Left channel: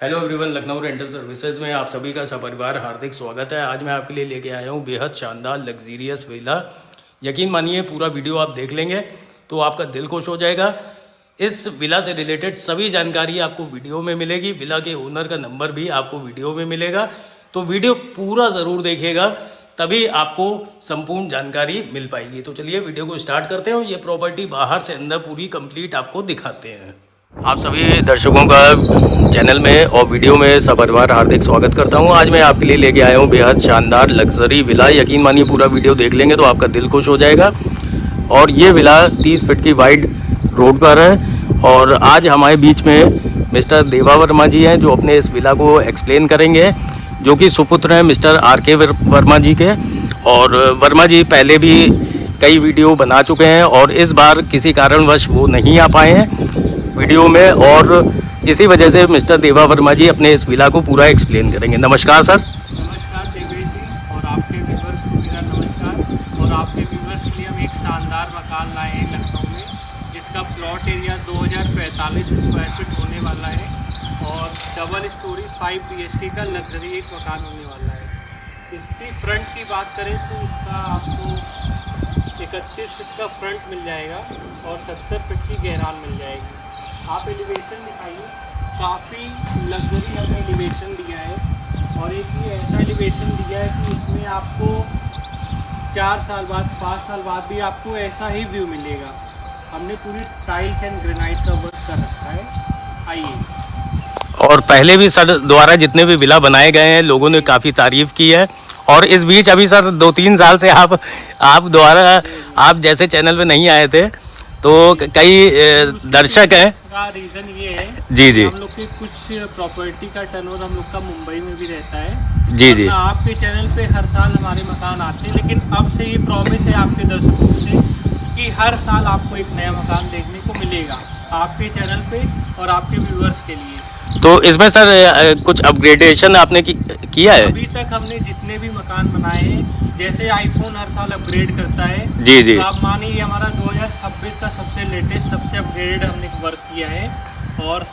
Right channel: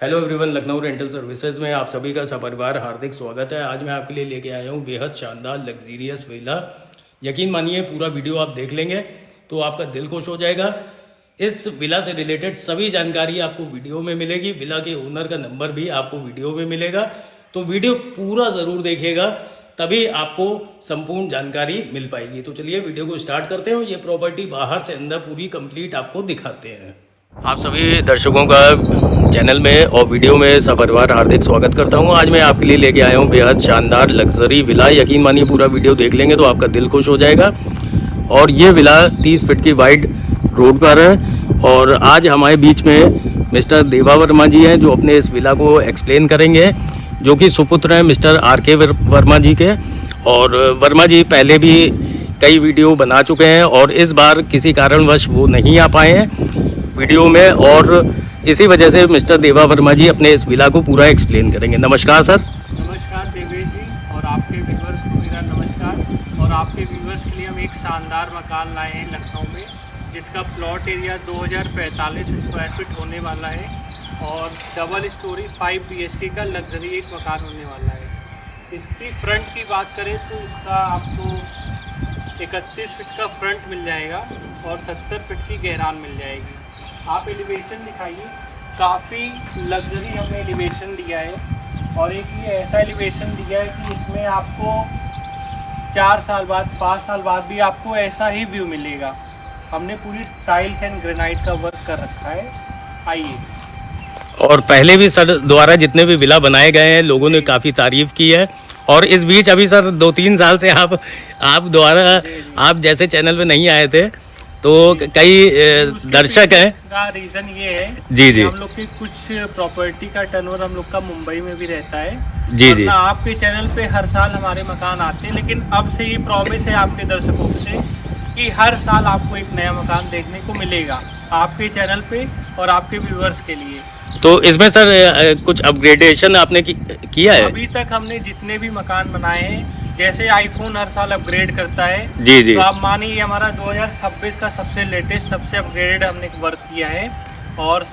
Hello everyone, Lucknow rental services में आप सभी का सपरिवार हार्दिक स्वागत है। आज मैं आपके लिए लेके आया हूँ बेहद शानदार लग्जीरियस विला। यकीन मानिए पूरा वीडियो आप देख लेंगे तो आपका दिल खुश हो जाएगा। इस विला से रिलेटेड सभी जानकारी आपको वीडियो में मिलेगी। विला के ओनर का नंबर भी आपको वीडियो में मिलेगा, तो वीडियो पूरा ज़रूर देखिएगा, तभी आपको संपूर्ण जानकारी मिल पाएगी। तो चलिए वीडियो को स्टार्ट करते हैं। ये प्रॉपर्टी बाहर से अंदर पूरी कंप्लीट आपको दिखाते हैं। आप सभी दर्शकों का चैनल में और वीडियो में सपरिवार हार्दिक स्वागत करता हूं। आज मैं आपके लिए लेके आया हूं बेहद शानदार लग्जरी विला। यकीन मानिए पूरा वीडियो देख लेंगे तो आपका दिल खुश हो जाएगा। और ये विला 30 फीट की वाइड रोड पर है। और आज हमारे बीच में मिस्टर देवा वर्मा जी हैं, जो अपने इस विला को एक्सप्लेन करेंगे, जो कि सुपुत्र हैं मिस्टर आर.के. वर्मा जी के। और वर्मा जी पहले भी कई वीडियो बना चुके हैं और इस बार किसी कारणवश वो नहीं आ पाए हैं वीडियो में, और इसी वजह से मिस्टर देवा वर्मा जी अपने इस विला को पूरा एक्सप्लेन करेंगे। नमस्कार सर। नमस्कार देवेश जी, और आपके व्यूवर्स को मेरा नमस्कार। और आपके व्यूवर्स के लिए हम एक शानदार मकान लाए हैं लखनऊ में, जिसका प्लॉट एरिया 2045 स्क्वायर फीट होने वाला है और डबल स्टोरी 5 BHK का लग्जरी एक मकान होने वाला है। इसकी फ्रंट की बात करें तो इसका आपको 31 फीट का फ्रंट मिल जाएगा और 70 फीट की गहरान मिल जाएगी। आप एलिवेशन दिखाइए, काफ़ी लग्जरी हमने एलिवेशन दिया है। और एक ये ऐसा एलिवेशन दिया है कि इसमें आपको 4 साल बाद 5 साल बाद भी आपको ऐसा ही व्यू मिलेगा। हमने पूरी टाइल्स एंड ग्रेनाइट का वर्क कर रखा है। आइए। और पहले भी सर द्वारा जितने भी विला बनाए गए हैं लोगों ने काफ़ी तारीफ की है। और इस बीच अभी सर 2-3 साल से आप द्वारा आप जैसे चैनल पे नहीं आए थे, तो कई दर्शक हैं। का रीज़न ये है जी जी, हम लोग की कुछ प्रॉपर्टी का टर्नओवर हम लोग का मुंबई में भी रहता है। जी जी, आपके चैनल पे हर साल हमारे मकान आते हैं, लेकिन अब से ये प्रॉमिस है आपके दर्शकों से कि हर साल आपको एक नया मकान देखने को मिलेगा आपके चैनल पे और आपके व्यूअर्स के लिए। तो इसमें सर कुछ अपग्रेडेशन आपने किया है? अभी तक हमने जितने भी मकान बनाए हैं, जैसे आईफोन हर साल अपग्रेड करता है, जी जी, तो आप मानिए हमारा 2026 का सबसे लेटेस्ट सबसे अपग्रेडेड हमने वर्क किया है और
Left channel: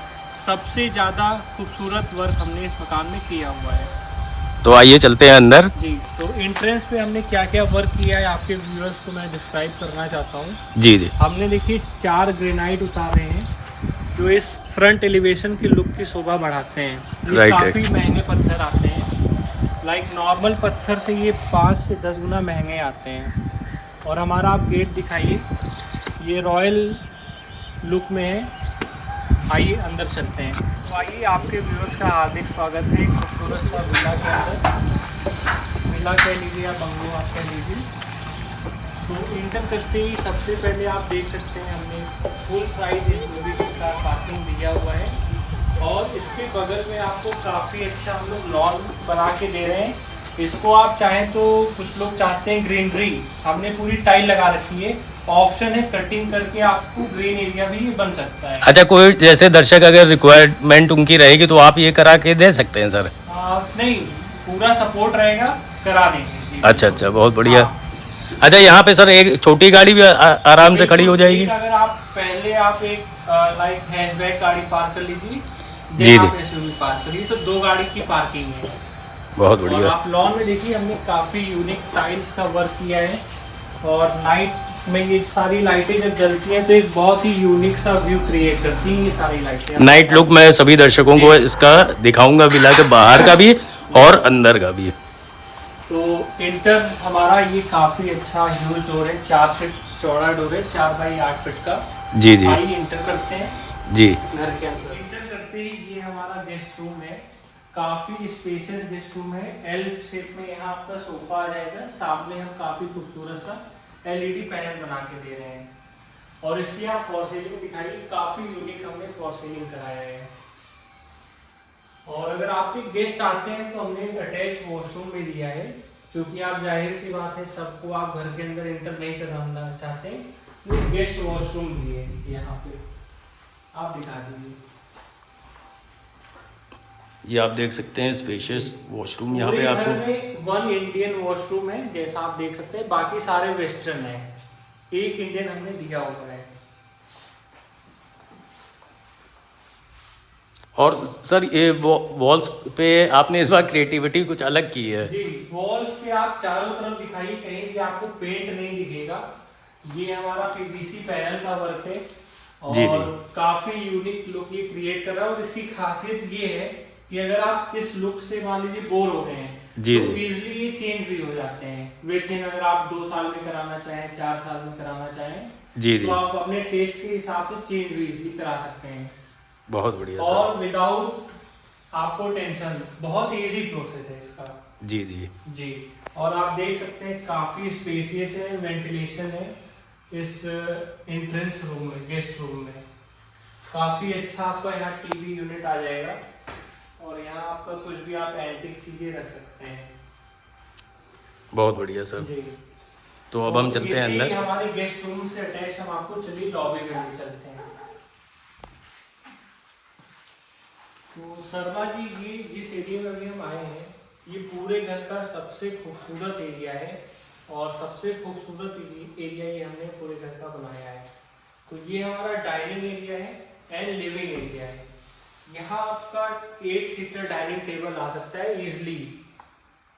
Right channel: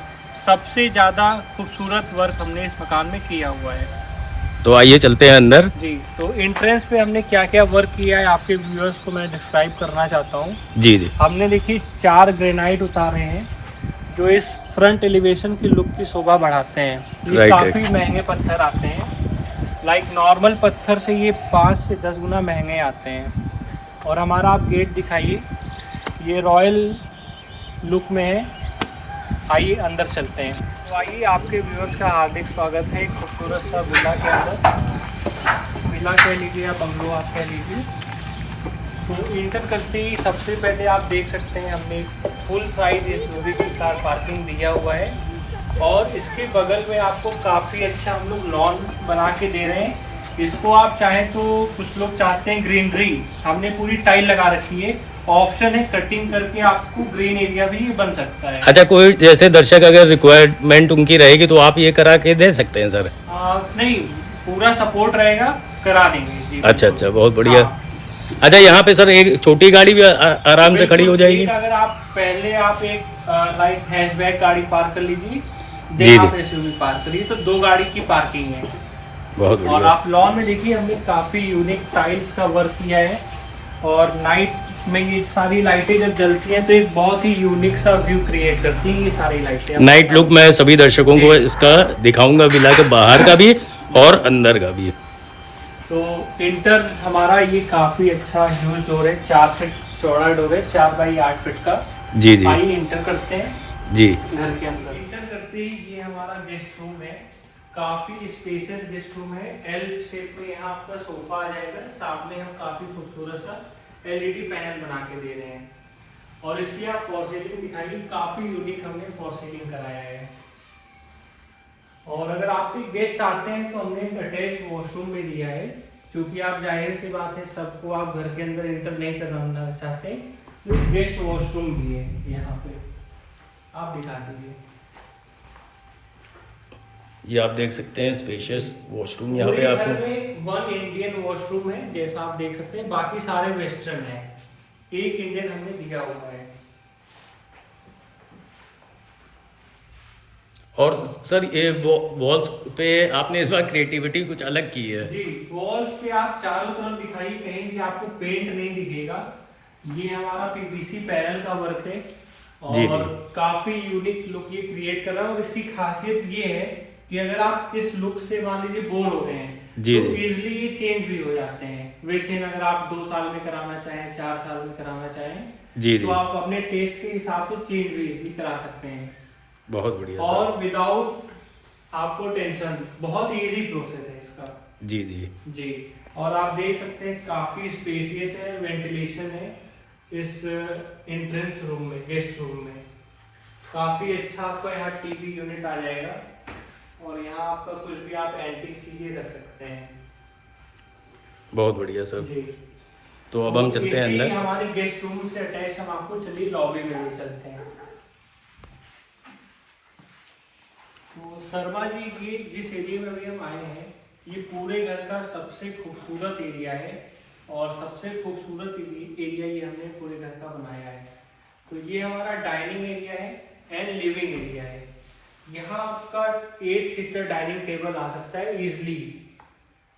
सबसे ज़्यादा खूबसूरत वर्क हमने इस मकान में किया हुआ है। तो आइए चलते हैं अंदर। जी, तो एंट्रेंस पे हमने क्या क्या वर्क किया है आपके व्यूअर्स को मैं डिस्क्राइब करना चाहता हूँ। जी जी, हमने देखिए 4 ग्रेनाइट उतारे हैं जो इस फ्रंट एलिवेशन की लुक की शोभा बढ़ाते हैं। ये राइट, काफ़ी महंगे पत्थर आते हैं, लाइक नॉर्मल पत्थर से ये 5 से 10 गुना महंगे आते हैं। और हमारा आप गेट दिखाइए, ये रॉयल लुक में है। आइए अंदर चलते हैं। तो आइए, आपके व्यूअर्स का हार्दिक स्वागत है एक खूबसूरत सा विला के अंदर। विला कह लीजिए या बंगलो आप कह लीजिए। तो इंटर करते ही सबसे पहले आप देख सकते हैं हमने फुल साइज एसयूवी की कार पार्किंग दिया हुआ है। और इसके बगल में आपको काफ़ी अच्छा हम लोग लॉन बना के दे रहे हैं। इसको आप चाहें तो, कुछ लोग चाहते हैं ग्रीनरी, हमने पूरी टाइल लगा रखी है। ऑप्शन है कटिंग करके आपको ग्रीन एरिया भी बन सकता है। अच्छा, कोई जैसे दर्शक अगर रिक्वायरमेंट उनकी रहेगी तो आप ये करा के दे सकते हैं सर? नहीं, पूरा सपोर्ट रहेगा, करा देंगे जी। अच्छा अच्छा, बहुत बढ़िया। हाँ। अच्छा, यहाँ पे सर एक छोटी गाड़ी भी आराम से खड़ी हो जाएगी? अगर आप पहले आप एक लाइक हैचबैक गाड़ी पार्क कर लीजिए, जी जी, आप एसयूवी पार्क करिए, तो 2 गाड़ी की पार्किंग है। बहुत और बढ़िया। आप लॉन में देखिए हमने काफ़ी यूनिक टाइल्स का वर्क किया है। और नाइट में ये सारी लाइटें जब जलती हैं तो एक बहुत ही यूनिक सा व्यू क्रिएट करती है ये सारी लाइटें। नाइट लुक मैं सभी दर्शकों को इसका दिखाऊंगा, विला के बाहर का भी और अंदर का भी। तो इंटर हमारा ये काफ़ी अच्छा ह्यूज डोर है, 4 फीट चौड़ा डोर है, 4 बाई 8 फीट का। जी जी, आइए इंटर करते हैं जी, घर के अंदर। इंटर करते ही ये हमारा गेस्ट रूम है, काफी स्पेशियस गेस्ट रूम है। एल शेप में यहाँ आपका सोफा आ जाएगा, सामने हम काफी खूबसूरत सा LED पैनल बना के दे रहे हैं। और इसकी आप फॉर सीलिंग दिखाइए, काफी यूनिक हमने फॉर सीलिंग कराया है। और अगर आपके गेस्ट आते हैं तो हमने अटैच वॉशरूम में दिया है, क्योंकि आप जाहिर सी बात है सबको आप घर के अंदर एंटर नहीं करना चाहते, तो गेस्ट वॉशरूम दिए यहाँ पे, आप दिखा दीजिए। ये आप देख सकते हैं स्पेशियस वॉशरूम यहाँ पे आपको। 1 इंडियन वॉशरूम है जैसा आप देख सकते हैं, बाकी सारे वेस्टर्न है, एक इंडियन हमने दिया हुआ है। और सर ये वॉल्स पे आपने इस बार क्रिएटिविटी कुछ अलग की है। जी, वॉल्स पे आप चारों तरफ दिखाइए, कहीं से आपको पेंट नहीं दिखेगा। ये हमारा पीवीसी पैनल का वर्क है जी और जी काफी यूनिक लुक ये क्रिएट कर रहा है। और इसकी खासियत ये है कि अगर आप इस लुक से मान लीजिए बोर हो गए हैं जी तो जी इजिली ये चेंज भी हो जाते हैं विद इन। अगर आप 2 साल में कराना चाहें, 4 साल में कराना चाहें, जी जी तो आप अपने टेस्ट के हिसाब से चेंज भी इजिली करा सकते हैं बहुत बढ़िया सर। और विदाउट आपको टेंशन। बहुत इजी प्रोसेस है इसका। जी जी जी, और आप देख सकते हैं काफी स्पेसियस है, वेंटिलेशन है इस एंट्रेंस रूम में, गेस्ट रूम में। काफी अच्छा आपका यहाँ टीवी यूनिट आ जाएगा और यहाँ आपका कुछ भी आप एंटीक चीजें रख सकते हैं। बहुत बढ़िया सर। जी, तो अब हम चलते हैं इसी अंदर। हमारे गेस्ट रूम से अटैच हम आपको चलिए लॉबी में भी चलते हैं। तो शर्मा जी, ये जिस एरिया में अभी हम आए हैं, ये पूरे घर का सबसे खूबसूरत एरिया है और सबसे खूबसूरत एरिया ये हमने पूरे घर का बनाया है। तो ये हमारा डाइनिंग एरिया है एंड लिविंग एरिया है। यहाँ आपका 8 सीटर डाइनिंग टेबल आ सकता है इजिली।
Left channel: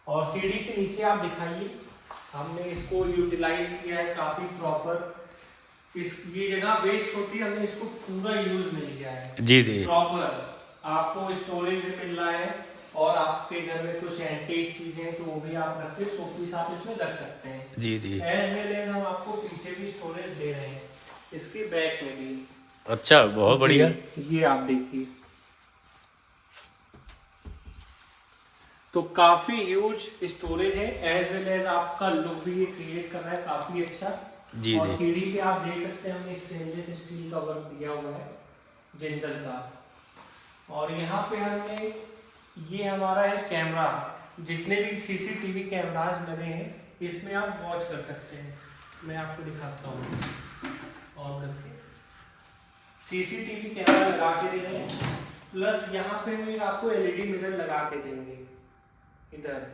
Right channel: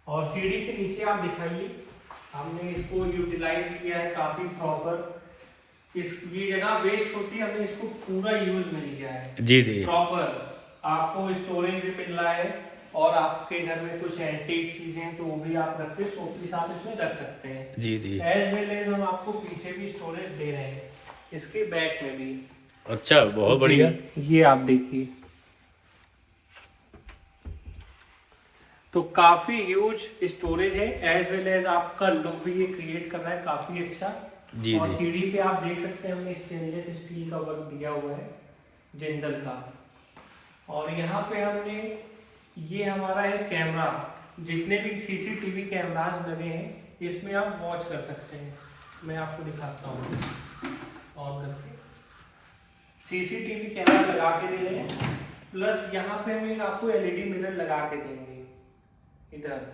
और सीढ़ी के नीचे आप दिखाइए, हमने इसको यूटिलाइज किया है काफी प्रॉपर। ये जगह वेस्ट होती है, हमने इसको पूरा यूज में लिया है जी जी प्रॉपर। आपको स्टोरेज भी मिल रहा है और आपके घर में कुछ एंटीक चीजें तो वो भी आप रख के शोपीस आप इसमें रख सकते हैं। जी जी एज वेल एज हम आपको पीछे भी स्टोरेज दे रहे हैं, इसके बैक में भी। अच्छा बहुत बढ़िया। ये आप देखिए, तो काफी ह्यूज स्टोरेज है। एज वेल एज आपका लुक भी ये क्रिएट कर रहा है काफी अच्छा। जी और जी सीढ़ी पे आप देख सकते हैं हमने स्टेनलेस स्टील का वर्क दिया हुआ है, जिंदल का। और यहाँ पे हमने, ये हमारा है कैमरा। जितने भी सीसीटीवी कैमराज लगे हैं इसमें आप वॉच कर सकते हैं। मैं आपको दिखाता हूँ ऑन करके। सीसीटीवी कैमरा लगा के दे रहे हैं, प्लस यहाँ पे हम आपको एलईडी मिरर लगा के देंगे इधर।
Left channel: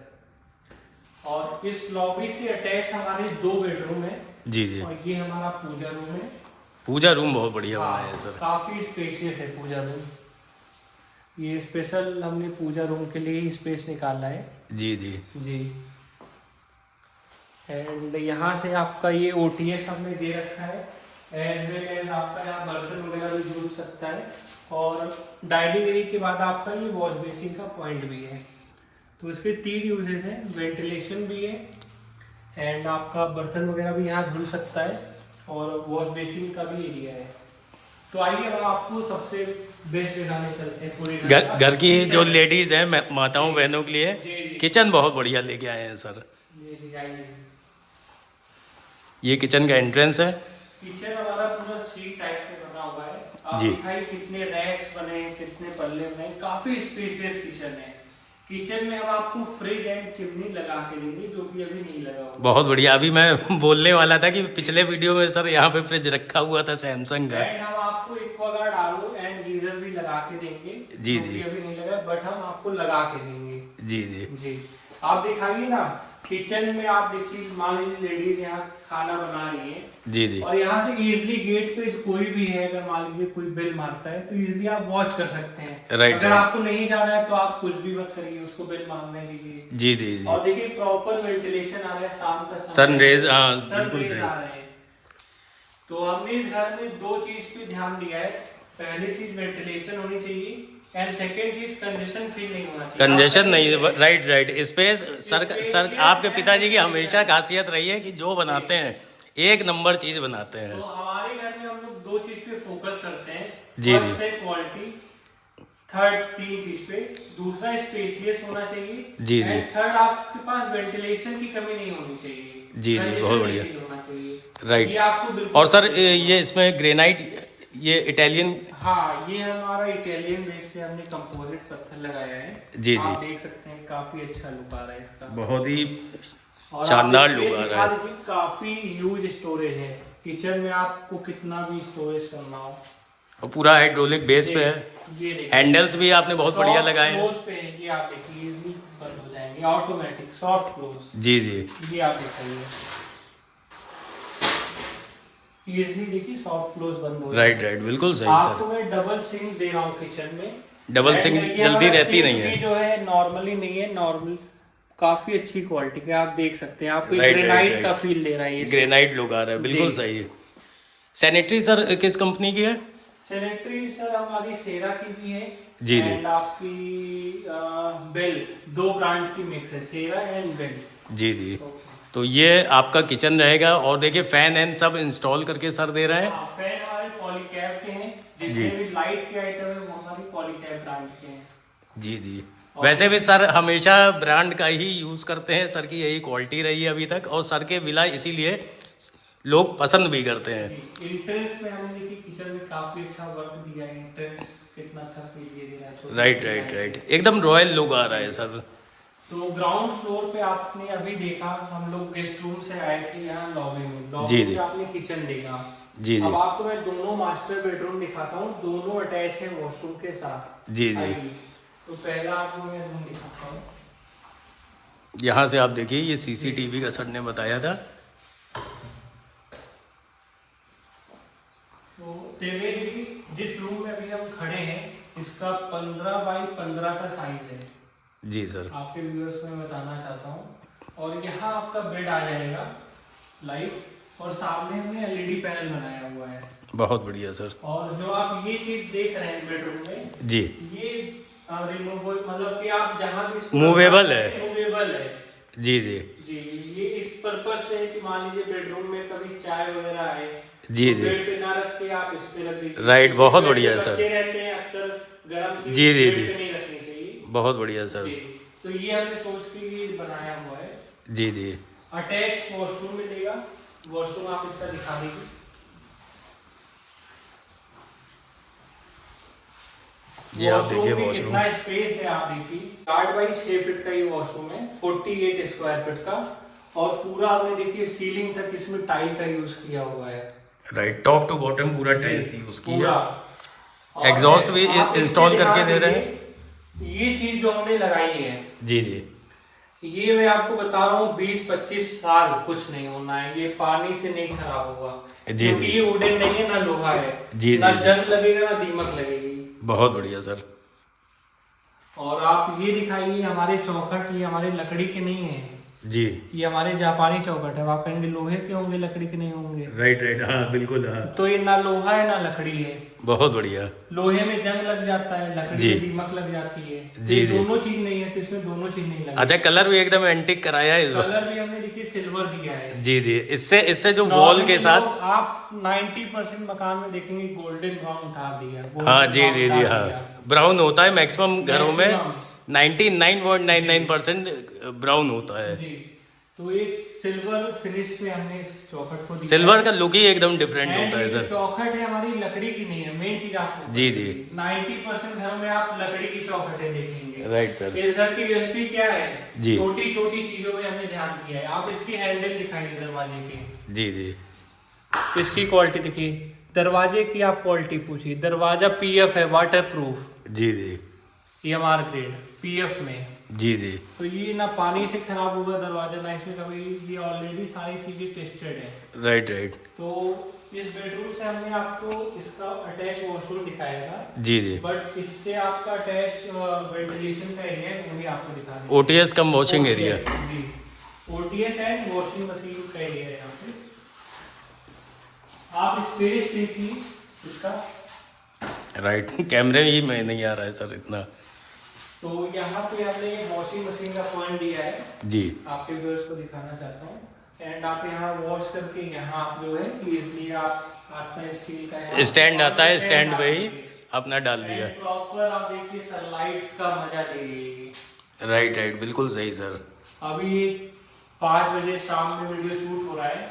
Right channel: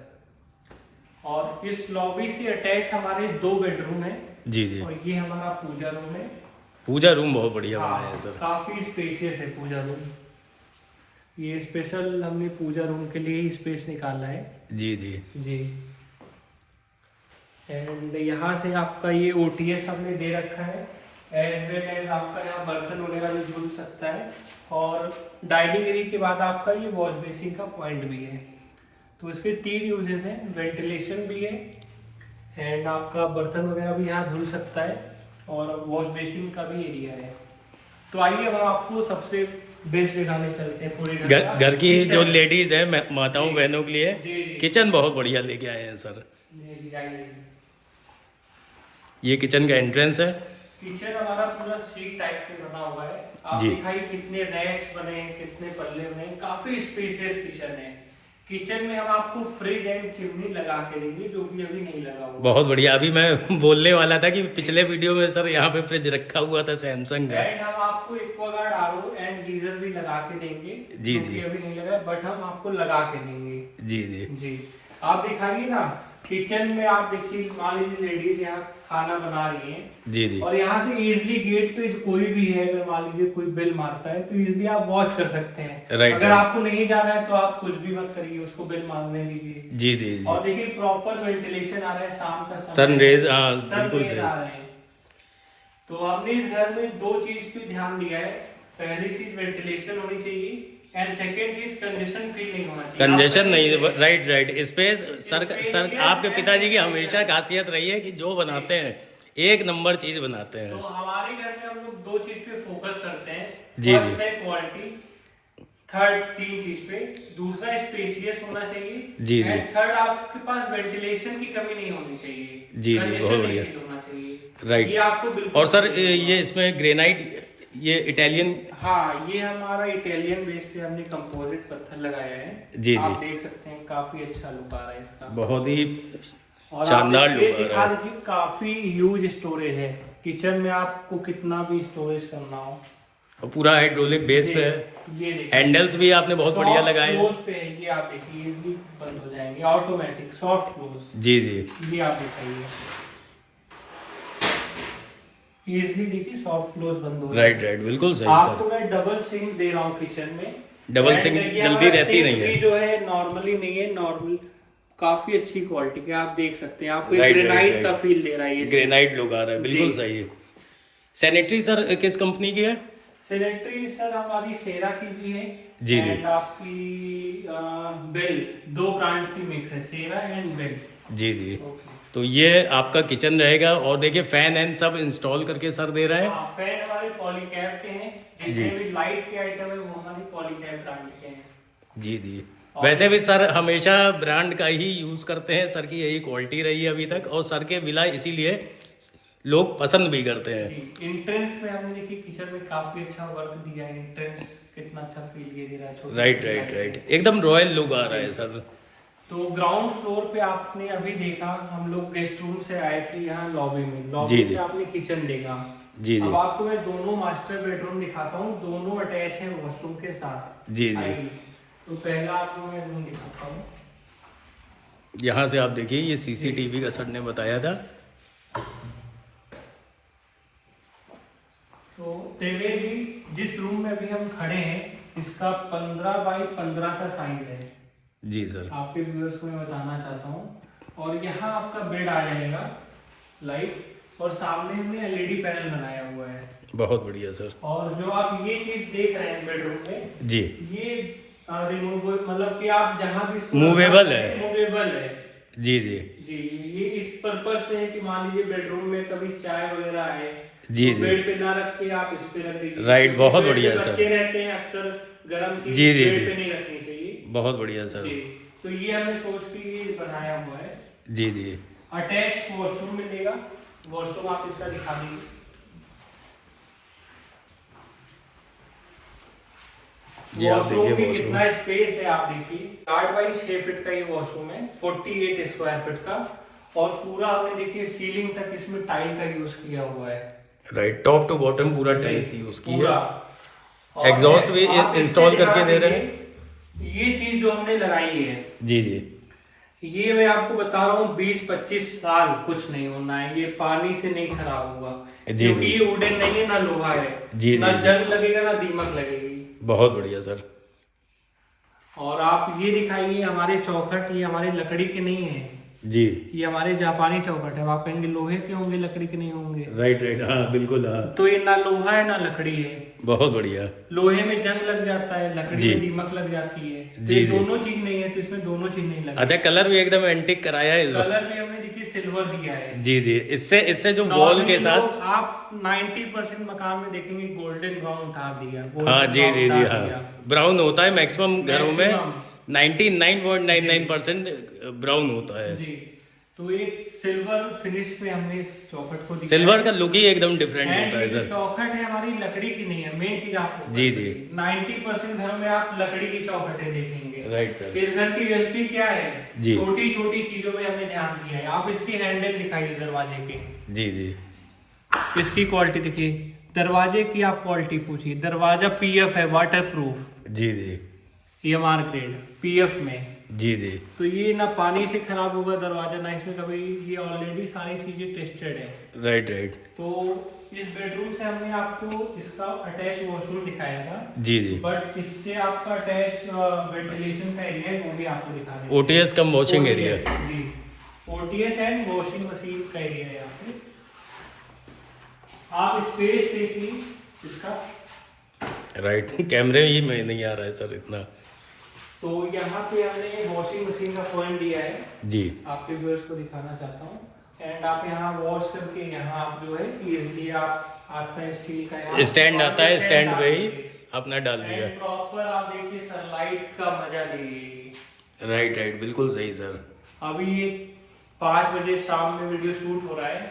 और इस लॉबी से अटैच हमारे 2 बेडरूम है जी जी और ये हमारा पूजा रूम है। पूजा रूम बहुत बढ़िया बनाया है सर। काफी स्पेशियस है पूजा रूम। ये स्पेशल हमने पूजा रूम के लिए ही स्पेस निकाला है। जी जी जी, एंड यहाँ से आपका ये ओटीएस हमने दे रखा है। एज वेल एज आपका यहाँ बर्तन वगैरह भी धुल सकता है। और डाइनिंग एरिया के बाद आपका ये वॉश बेसिन का पॉइंट भी है। तो इसके 3 यूजेस हैं, वेंटिलेशन भी है एंड आपका बर्तन वगैरह भी यहाँ धुल सकता है और वॉश बेसिन का भी एरिया है। तो आइए अब आपको सबसे बेस्ट जगह में चलते हैं पूरे घर की जो लेडीज हैं, माताओं बहनों के लिए जी, जी। किचन बहुत बढ़िया लेके आए हैं सर। जी, आइए। ये किचन का एंट्रेंस है। किचन हमारा पूरा सीट टाइप में बना हुआ है। आप जी। दिखाइए कितने रैक्स बने हैं, कितने पल्ले बने हैं। काफी स्पेशियस किचन है। किचन में हम आपको फ्रिज एंड चिमनी लगा के देंगे, जो कि अभी नहीं लगा हुआ। बहुत बढ़िया। अभी मैं बोलने वाला था कि पिछले वीडियो में सर यहाँ पे फ्रिज रखा हुआ था सैमसंग का। एंड हम आपको एक्वागार्ड आरओ एंड गीजर भी लगा के देंगे, जी, जो कि जी। अभी नहीं लगा, बट हम आपको लगा के देंगे। जी जी जी, आप दिखाइए ना किचन में। आप देखिए, मान लीजिए लेडीज यहाँ खाना बना रही है जी जी और यहाँ से इजिली गेट पे कोई भी है, अगर मान लीजिए कोई बेल मारता है तो इजिली आप वॉच कर सकते हैं। राइट, अगर राइट। आपको नहीं जाना है तो आप कुछ भी मत करिए, उसको बेल मारने दीजिए। जी जी जी और देखिए प्रॉपर वेंटिलेशन आ रहा है, शाम का समय सनरेज, है, हाँ सन बिल्कुल रेज सही। आ रहे हैं। तो हमने इस घर में 2 चीज पे ध्यान दिया है। पहली चीज वेंटिलेशन होनी चाहिए एंड सेकंड चीज कंजेशन फील नहीं होना चाहिए। कंजेशन नहीं, आप राइट राइट। स्पेस सर आपके पिताजी की हमेशा खासियत रही है कि जो बनाते हैं एक नंबर चीज बनाते तो हैं। हमारे घर में हम लोग 2 चीज पे फोकस करते हैं। जी, फर्स्ट जी। है क्वालिटी, थर्ड 3 चीज पे, दूसरा स्पेसियस होना चाहिए, जी, जी। एंड थर्ड आपके पास वेंटिलेशन की कमी नहीं होनी चाहिए। जी, जी, Congestion बहुत नहीं बढ़िया। feel होना चाहिए। राइट। ये आपको बिल्कुल। और सर ये इसमें ग्रेनाइट, ये इटालियन। हाँ, ये हमारा इटालियन बेस पे हमने कंपोजिट पत्थर लगाया है। जी, आप जी। देख सकते हैं काफी अच्छा लुक आ रहा है इसका। बहुत ही और शानदार आप लुक ये आ रहा दिखा है। दीजिए, काफी ह्यूज स्टोरेज है किचन में। आपको कितना भी स्टोरेज करना हो, और पूरा हाइड्रोलिक बेस पे है। ये देखिए। हैंडल्स भी आपने बहुत बढ़िया Soft लगाए हैं। close पे है, ये आप देखिए इजीली बंद हो जाएंगे, ऑटोमेटिक सॉफ्ट क्लोज। जी जी ये आप दिखाइए, इजीली देखिए सॉफ्ट क्लोज बंद हो राइट जाएंगे। राइट, बिल्कुल सही आपको सर। मैं डबल सिंक दे रहा हूँ किचन में। डबल सिंक ये जल्दी हमारा रहती सिंक नहीं है। भी जो है नॉर्मली नहीं है, नॉर्मल काफी अच्छी क्वालिटी का आप देख सकते हैं, आपको राइट, ग्रेनाइट राइट, का राइट। फील दे रहा है ये ग्रेनाइट लुक आ रहा है, बिल्कुल जी। सही है। सैनिटरी सर किस कंपनी की है? सैनिटरी सर हमारी सेरा की भी है जी, जी। एंड आपकी बेल, दो ब्रांड की मिक्स है, सेरा एंड बेल। जी जी। तो ये आपका किचन रहेगा और देखिए फैन एंड सब इंस्टॉल करके सर दे रहे हैं। हाँ, फैन हमारे पॉलीकैब के हैं, जी। जितने भी लाइट के आइटम है वो हमारी पॉलीकैब ब्रांड के हैं। जी जी। वैसे भी सर हमेशा ब्रांड का ही यूज़ करते हैं, सर की यही क्वालिटी रही है अभी तक, और सर के विला इसीलिए लोग पसंद भी करते हैं। एंट्रेंस में हमने देखिए किचन में काफी अच्छा वर्क दिया है, एंट्रेंस कितना अच्छा फील ये दे रहा है, छोटी राइट छोटी राइट लाइटें। राइट, एकदम रॉयल लुक आ रहा है सर। तो ग्राउंड फ्लोर पे आपने अभी देखा, हम लोग गेस्ट रूम से आए थे यहाँ लॉबी में, जी, लॉबी जी। से आपने किचन देखा। जी जी। अब आपको मैं दोनों मास्टर बेडरूम दिखाता हूँ, दोनों अटैच है वॉशरूम के साथ। जी, जी। आइए। तो पहला आपको मैं रूम दिखाता हूँ। यहाँ से आप देखिए, ये सीसीटीवी का सर ने बताया था। तो तेरे जी जिस रूम में अभी हम खड़े हैं, इसका 15 बाई 15 का साइज है। जी सर। आपके व्यूअर्स को मैं बताना चाहता हूँ। और यहाँ आपका बेड आ जाएगा लाइट, और सामने हमने एलईडी पैनल बनाया हुआ है। बहुत बढ़िया सर। और जो आप ये चीज देख रहे हैं बेडरूम में, जी। ये रिमूवेबल, मतलब कि आप जहाँ भी इसको मूवेबल है। मूवेबल है। जी जी। जी, ये इस पर्पज से है कि मान लीजिए बेडरूम में कभी चाय वगैरह है, जी, तो जी। बेड पे ना रख के आप इस पे रख दीजिए। राइट, बहुत बेड पे बढ़िया है सर। बच्चे रहते हैं अक्सर, गर्म चीज जी, जी, बेड जी। पे नहीं रखनी चाहिए। बहुत बढ़िया सर। जी, तो ये हमने सोच के ये बनाया हुआ है। जी जी। अटैच वॉशरूम मिलेगा, वॉशरूम आप इसका दिखा दीजिए। ये आप देखिए भी वॉशरूम। कितना स्पेस है, आप देखिए 8 बाई 6 फीट का ये वॉशरूम है, 48 स्क्वायर फीट का। और पूरा आपने देखिए सीलिंग तक इसमें टाइल का यूज किया हुआ है। राइट, टॉप टू बॉटम पूरा टाइल्स यूज की है। पूरा। और एग्जॉस्ट भी आप इंस्टॉल इसके करके दे रहे हैं। देखिए, ये चीज जो हमने लगाई है, जी जी। ये मैं आपको बता रहा हूँ 20-25 साल कुछ नहीं होना है, ये पानी से नहीं खराब होगा। जी, क्योंकि जी। ये वुडन नहीं है, ना लोहा है। जी, ना जी, जी। जंग लगेगा ना दीमक लगेगी। बहुत बढ़िया सर। और आप ये दिखाइए, हमारे चौखट ये हमारी लकड़ी के नहीं है, जी। ये हमारे जापानी चौखट है। आप कहेंगे लोहे के होंगे, लकड़ी के नहीं होंगे। राइट राइट, हाँ बिल्कुल, हाँ। तो ये ना लोहा है ना लकड़ी है। बहुत बढ़िया। लोहे में जंग लग जाता है, लकड़ी जी। में दीमक लग जाती है। जी, ये जी। दोनों चीज नहीं है, तो इसमें दोनों चीज नहीं लगी। अच्छा, कलर भी एकदम एंटिक कराया है इस बार। कलर भी हमने देखिए सिल्वर दिया है। जी जी। इससे जो वॉल Normally के साथ। लोग आप 90% मकान में देखेंगे गोल्डन ब्राउन उतार दिया, हाँ golden जी brown जी जी, उतार हाँ दिया। ब्राउन होता है मैक्सिमम घरों में। Maximum। 99.99% ब्राउन होता है। जी, तो एक सिल्वर फिनिश में हमने इस चौखट को दिया सिल्वर है। का लुक ही एकदम डिफरेंट And होता है ये जो सर। चौखट है हमारी लकड़ी की नहीं है, मेन चीज आपको जी, जी। 90% घर में आप लकड़ी की चौखटें देखेंगे। Right sir. इस घर की यूएसपी क्या है? जी। छोटी छोटी चीजों में हमने ध्यान दिया है। आप इसकी हैंडल दिखाइए दरवाजे के, जी जी। इसकी क्वालिटी देखिए, दरवाजे की आप क्वालिटी पूछिए। दरवाजा पीएफ है, वाटर प्रूफ, जी जी। EMR ग्रेड पीएफ में। जी जी। तो ये ना पानी से खराब होगा दरवाजा, ना इसमें कभी, ये ऑलरेडी सारी चीजें टेस्टेड है। Right right. तो इस बेडरूम से हमने आपको इसका अटैच वॉशरूम दिखाया था, जी जी। बट इससे आपका अटैच वेंटिलेशन का एरिया है, वो भी आपको दिखा रहे हैं। OTS cum washing area. जी, ओटीएस एंड वॉशिंग मशीन का एरिया है यहाँ पे। आप स्पेस देखिए इसका। राइट, कैमरे ही में नहीं आ रहा है सर इतना। तो यहाँ पे हमने वॉशिंग मशीन का पॉइंट दिया है, जी। आपके व्यूअर्स को दिखाना चाहता हूँ। एंड आप यहाँ वॉश करके यहाँ आप जो है इजीली आप आपका स्टील का स्टैंड आता है, स्टैंड पे ही अपना डाल दिया। प्रॉपर आप देखिए सनलाइट का मजा ले लीजिए। राइट राइट, बिल्कुल सही सर। अभी ये 5 बजे शाम में वीडियो शूट हो रहा है।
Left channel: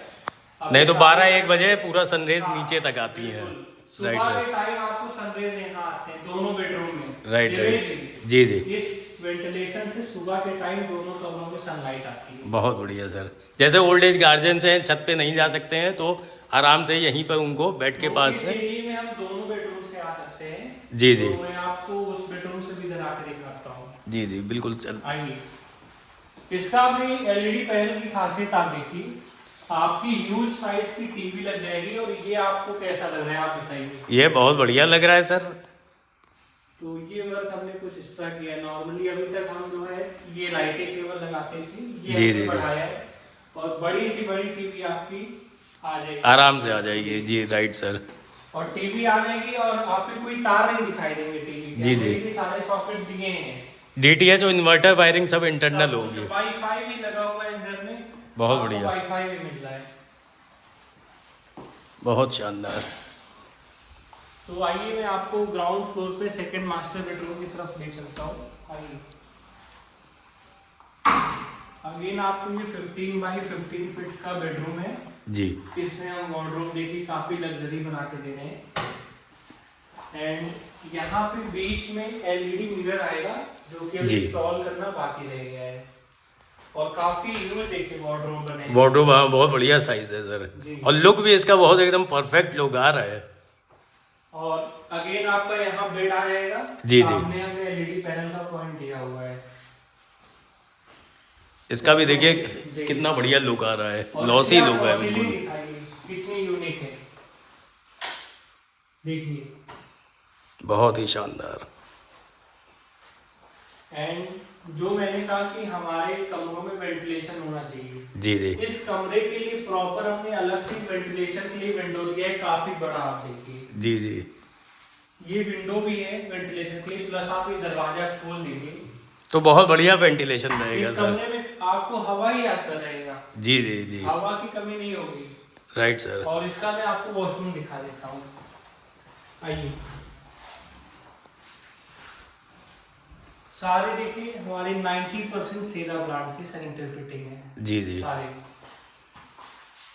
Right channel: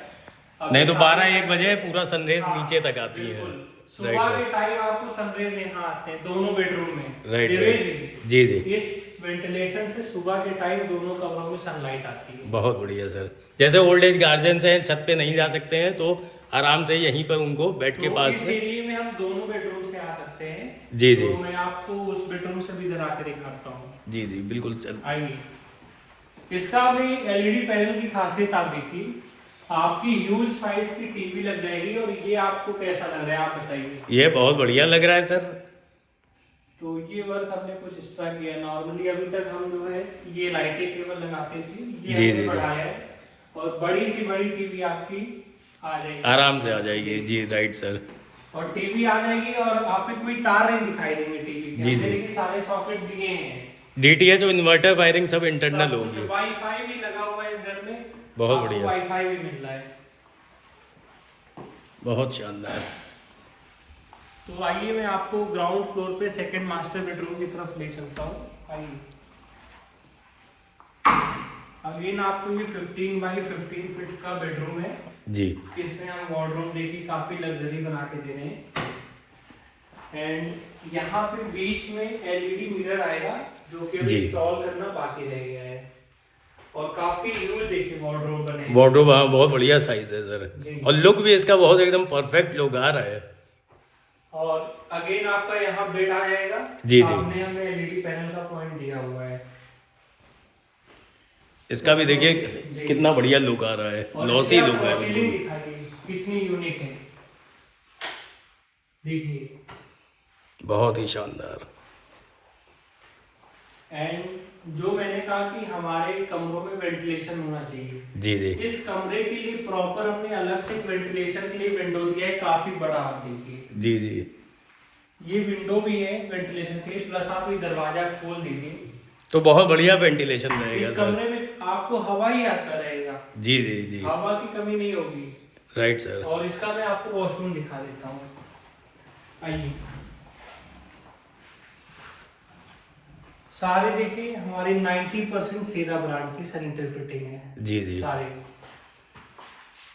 अभी नहीं तो शाम 12-1 में- बजे पूरा सनरेज हाँ, नीचे तक आती है। बिल्कुल। राइट सुबह सर। के टाइम आपको सनरेज यहाँ आते हैं दोनों बेडरूम में। Right Dinesh right. जी जी। इस वेंटिलेशन से सुबह के टाइम दोनों कमरों में सनलाइट आती है। बहुत बढ़िया सर। जैसे ओल्ड एज गार्जियंस हैं, छत पे नहीं जा सकते हैं, तो आराम से यहीं पर उनको बेड के तो पास इस से। एरिया में हम दोनों बेडरूम से आ सकते हैं। जी, जी। तो मैं आपको उस बेडरूम से भी इधर आके दिखाता हूँ। जी जी बिल्कुल सर। आइए, इसका भी एलईडी पैनल की खासियत आप देखिए, आपकी ह्यूज साइज की टीवी लग जाएगी। और ये आपको कैसा लग रहा है आप बताइए। ये बहुत बढ़िया लग रहा है सर। तो ये वर्क हमने कुछ इस तरह किया है। नॉर्मली अभी तक हम जो है ये लाइटिंग केबल लगाते थे, ये जी, हमने जी, बढ़ाया है और बड़ी सी बड़ी टीवी आपकी आ जाएगी, आराम से आ जाएगी। जी राइट सर। और टीवी आ जाएगी और आपको कोई तार नहीं दिखाई देंगे टीवी के। जी, हमने जी। देखिए सारे सॉकेट दिए हैं, DTH और इन्वर्टर वायरिंग सब इंटरनल सब कुछ। होगी। वाईफाई भी लगा हुआ है इस घर में, बहुत आपको बढ़िया। वाईफाई भी मिल रहा है। बहुत शानदार। तो आइए मैं आपको ग्राउंड फ्लोर पे सेकंड मास्टर बेडरूम की तरफ ले चलता हूँ। आइए, अगेन आपको ये 15 बाई 15 फीट का बेडरूम है जी इसमें हम वार्डरोब देखिए काफी लग्जरी बना के दे रहे हैं। एंड यहाँ पे बीच में एलईडी मिरर आएगा जो कि अभी जी। इंस्टॉल करना बाकी रह गया है, और काफी ह्यूज देखिए वार्डरोब बने हैं। वार्डरोब हाँ बहुत बढ़िया साइज है सर, जी। और लुक भी इसका बहुत एकदम परफेक्ट लुक आ रहा है। और अगेन आपका यहाँ बेड आ जाएगा। जी, जी। सामने हमने एलईडी पैनल का पॉइंट दिया हुआ है। इसका भी देखिए जी। कितना बढ़िया लुक आ रहा है, और लॉसी इसमें लुक आपको है सीलिंग बिल्कुल। दिखाइए कितनी यूनिक है, देखिए। बहुत ही शानदार। एंड जो मैंने कहा कि हमारे कमरों में वेंटिलेशन होना चाहिए, जी जी इस कमरे के लिए प्रॉपर हमने अलग से वेंटिलेशन के लिए विंडो दिया है, काफी बड़ा। आप देखिए जी जी ये विंडो भी है वेंटिलेशन के लिए, प्लस आप ये दरवाजा खोल दीजिए, तो बहुत बढ़िया वेंटिलेशन रहेगा इस सर। कमरे में आपको हवा ही आता रहेगा, जी जी जी हवा की कमी नहीं होगी। Right sir. और इसका मैं आपको वॉशरूम दिखा देता हूँ। आइए, सारे देखिए हमारी 90% सेरा ब्रांड की सैनिटरी फिटिंग है जी जी सारे।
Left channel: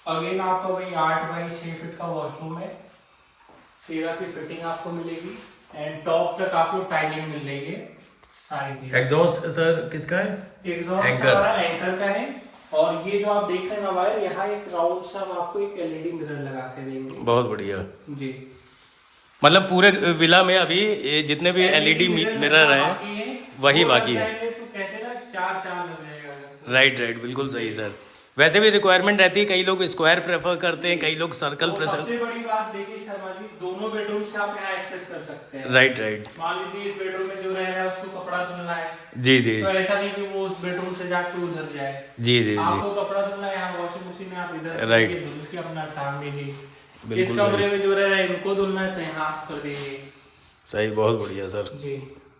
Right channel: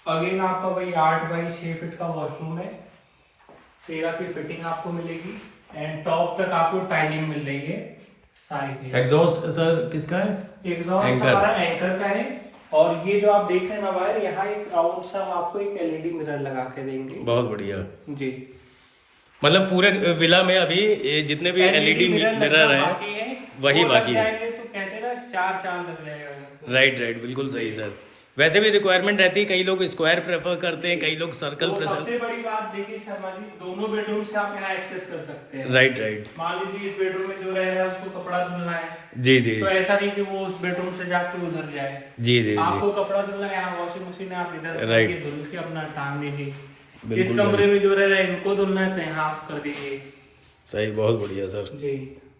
अगेन आपका वही 8 बाई 6 फीट का वॉशरूम है, सेरा की फिटिंग आपको मिलेगी। एंड टॉप तक आपको टाइलिंग मिल रही है सारी चीजें। एग्जॉस्ट सर किसका है? Exhaust anchor. हमारा एंकर का है। और ये जो आप देख रहे हैं ना वायर, यहाँ एक राउंड सा आपको एक एलईडी मिरर लगा के देंगे। बहुत बढ़िया। जी, मतलब पूरे विला में अभी ये जितने भी एलईडी मिरर बाकी हैं है, वही वो बाकी लग है। जाएंगे तो कहते हैं ना 4 चांद लग जाएगा। राइट राइट बिल्कुल सही सर। वैसे भी रिक्वायरमेंट रहती है, कई लोग स्क्वायर प्रेफर करते हैं, कई लोग सर्कल तो प्रेफर। सबसे बड़ी बात देखिए शर्मा जी, दोनों बेडरूम से आप यहाँ एक्सेस कर सकते हैं। राइट राइट मान लीजिए इस बेडरूम में जो रहेगा उसको कपड़ा धुलना है, जी जी तो ऐसा नहीं कि वो उस बेडरूम से जाके उधर जाए। जी जी जी आपको कपड़ा धुलना है, यहाँ वॉशिंग मशीन है, आप इधर से Right. धुल के अपना टांग दीजिए। इस बिल्कुल कमरे सही में जो रहेगा इनको धुलना है तो यहाँ आप कर दीजिए। सही, बहुत बढ़िया सर, जी,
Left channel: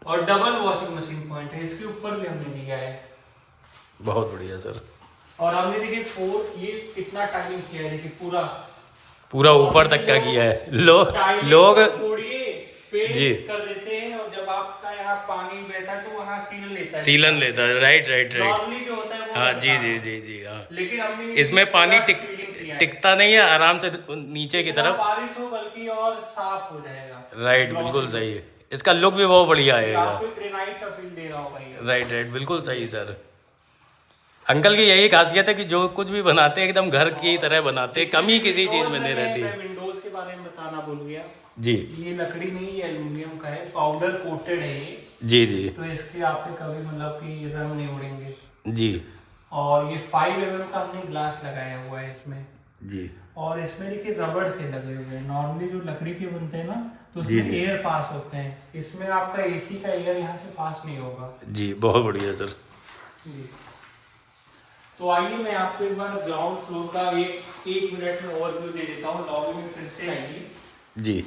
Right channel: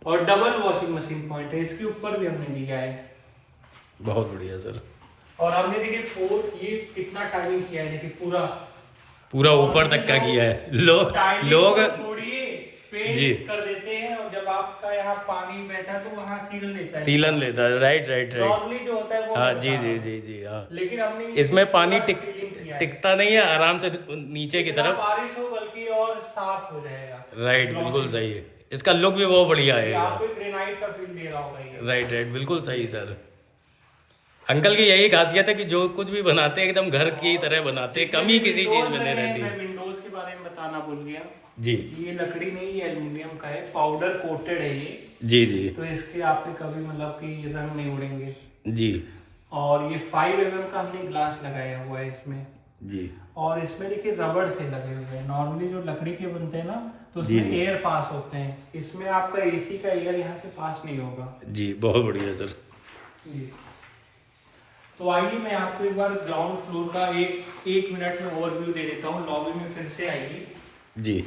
और डबल वॉशिंग मशीन पॉइंट है, इसके ऊपर भी हमने दिया है। बहुत बढ़िया सर। और हमने देखिए 4 ये कितना टाइमिंग किया है, देखिए पूरा पूरा ऊपर तक का किया है। टाइलिंग लोग छोड़िए, पेंट जी। कर देते हैं, और जब आपका यहाँ पानी बैठा तो वहाँ सीलन लेता है। सीलन लेता है। राइट राइट राइट नॉर्मली जो होता है वो हाँ मैं जी बता जी रहा हूँ। जी जी हाँ। लेकिन हमने इसमें पानी पूरा सीलिंग किया है। टिकता नहीं है, आराम से नीचे की जितना तरफ। बारिश हो बल्कि और साफ हो जाएगा। राइट बिल्कुल सही है, इसका लुक भी बहुत बढ़िया आएगा। आपको ग्रेनाइट का फील दे रहा होगा ये। राइट राइट बिल्कुल सही सर। अंकल की यही खासियत है कि जो कुछ भी बनाते हैं एकदम घर की तरह बनाते हैं, कमी किसी चीज में नहीं रहती। मैं विंडोज के बारे में बताना भूल गया। जी ये लकड़ी नहीं, ये एल्युमिनियम का है, पाउडर कोटेड है ये, जी जी तो इसके आपके कभी मतलब कि ये रंग नहीं उड़ेंगे। जी और ये 5 mm का हमने ग्लास लगाया हुआ है इसमें। जी और इसमें देखिए रबड़ से लगे हुए हैं। नॉर्मली जो लकड़ी के बनते हैं ना तो जी, उसमें जी। एयर पास होते हैं, इसमें आपका एसी का एयर यहाँ से पास नहीं होगा। जी बहुत बढ़िया सर। जी। तो आइए मैं आपको एक बार ग्राउंड फ्लोर का एक मिनट में ओवरव्यू दे देता हूँ। लॉबी में फिर से आइए। जी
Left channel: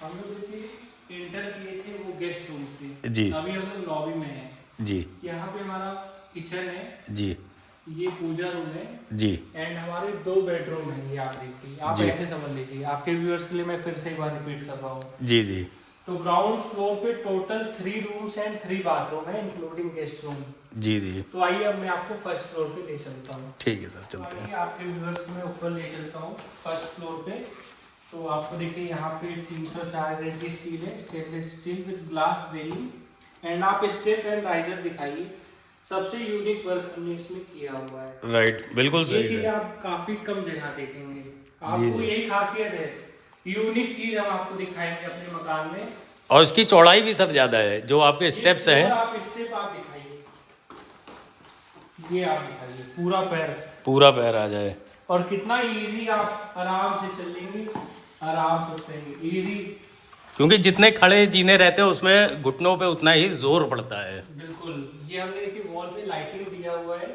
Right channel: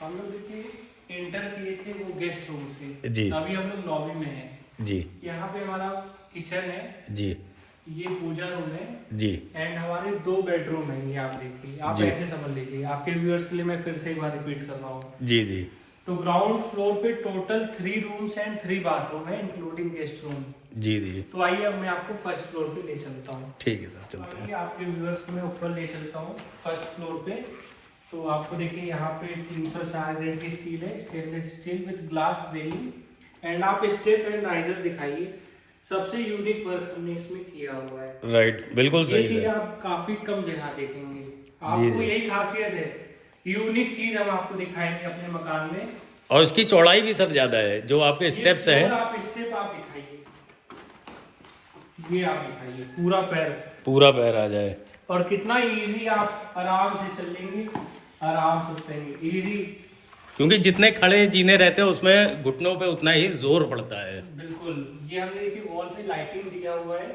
हम लोग देखिए एंटर किए थे वो गेस्ट रूम से, जी। अभी हम लोग लॉबी में हैं। जी यहाँ पे हमारा किचन है, जी ये पूजा रूम है, जी एंड हमारे 2 बेडरूम है। ये आप देखिए, आप जी। ऐसे समझ लीजिए, आपके व्यूअर्स के लिए मैं फिर से एक बार रिपीट कर रहा हूँ। जी जी तो ग्राउंड फ्लोर पे टोटल 3 रूम्स एंड 3 बाथरूम है इंक्लूडिंग गेस्ट रूम। जी जी तो आइए अब मैं आपको फर्स्ट फ्लोर पे ले चलता हूँ। ठीक है सर, चलते हैं। आइए आपके व्यूअर्स को मैं ऊपर ले चलता हूँ फर्स्ट फ्लोर पे। तो आपको देखिए यहाँ पे 304 ग्रेड की स्टील है, stainless steel with glass railing. And आप स्टेप एंड राइजर दिखाइए, सबसे यूनिक वर्क हमने इसमें किया हुआ है। राइट बिल्कुल ये सही चीज है। आप काफी कम जगह देखेंगे, आपको जी। यही खासियत है, यूनिक चीज हम आपको दिखाएंगे अपने मकान में। और इसकी चौड़ाई भी सर ज्यादा है, जो आपके स्टेप्स ये हैं। पूरा आप स्टेप आप दिखाइए, ये आप दिखाइए पूरा पैर, पूरा पैर आ जाए। और कितना इजी, आप आराम से चलेंगे, आराम से उतरेंगे, इजी। क्योंकि जितने खड़े जीने रहते हैं उसमें घुटनों पे उतना ही जोर पड़ता है। बिल्कुल, ये हमने देखिए वॉल पे लाइटिंग दिया हुआ है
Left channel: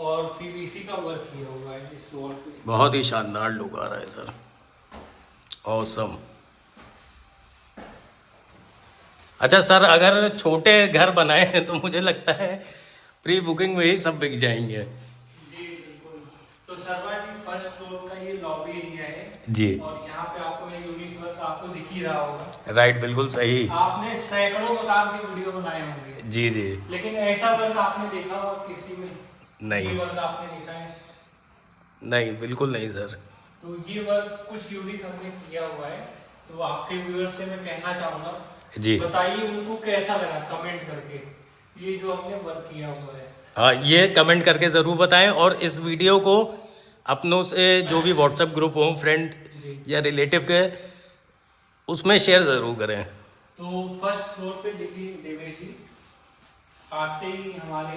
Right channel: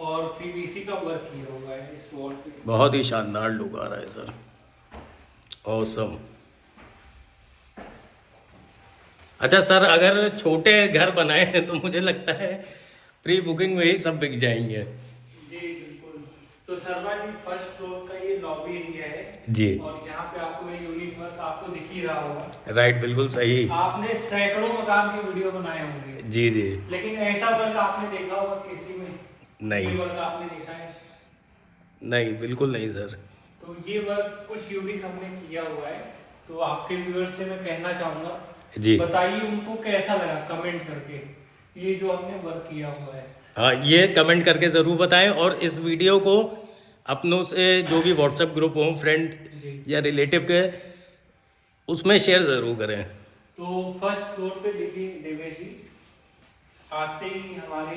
और पीवीसी का वर्क किया हुआ है इस वॉल पे। बहुत ही शानदार लुक आ रहा है सर, ऑसम। अच्छा सर, अगर छोटे घर बनाए हैं तो मुझे लगता है प्री बुकिंग में ही सब बिक जाएंगे। जी बिल्कुल। तो शर्मा जी फर्स्ट फ्लोर का ये लॉबी एरिया है जी। और यहाँ पे आपको ये यूनिक वर्क आपको दिख ही रहा होगा। राइट, बिल्कुल सही। आपने सैकड़ों मकान के वीडियो बनाए होंगे, जी जी। लेकिन ऐसा वर्क आपने देखा होगा किसी में? नहीं। ये वर्क आपने देखा है? नहीं, बिल्कुल नहीं सर। तो ये वर्क कुछ यूनिक हमने किया हुआ है, तो आपके व्यूअर्स से मैं कहना चाहूंगा जी। बताइए उनको कैसा लगा कमेंट करके ये जो हमने वर्क किया हुआ है। हाँ, ये कमेंट करके ज़रूर बताएं और इस वीडियो को अपनों से जो भी व्हाट्सएप ग्रुप हो, फ्रेंड या रिलेटिव के, उसमें शेयर ज़रूर करें। तो फर्स्ट फ्लोर पे देखिए देवेश जी, आते ही हमारे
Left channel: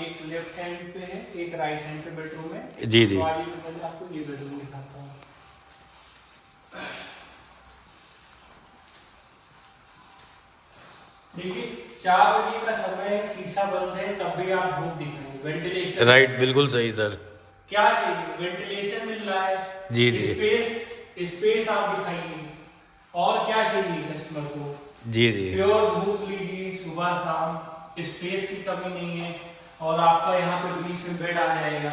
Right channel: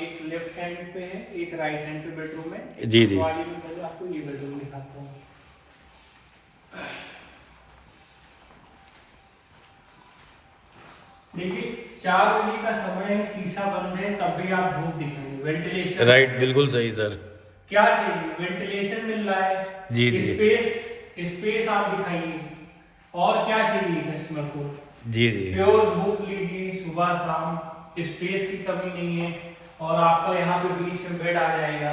एक लेफ्ट हैंड पे है, एक राइट हैंड पे बेडरूम है। जी जी। तो आइए मैं पहले आपको ये बेडरूम दिखाता हूँ। देखिए 4 बजे का समय, शीशा बंद है, तब भी आप धूप दिख रही है, वेंटिलेशन। राइट, बिल्कुल सही सर। क्या चाहिए? वेंटिलेशन मिल रहा है, जी जी। स्पेस आप दिखाइए, और क्या चाहिए कस्टमर को? जी जी। प्योर धूप लीजिए सुबह शाम, स्पेस की कमी नहीं है, और आपका यहाँ पे बीच में बेड आ जाएगा।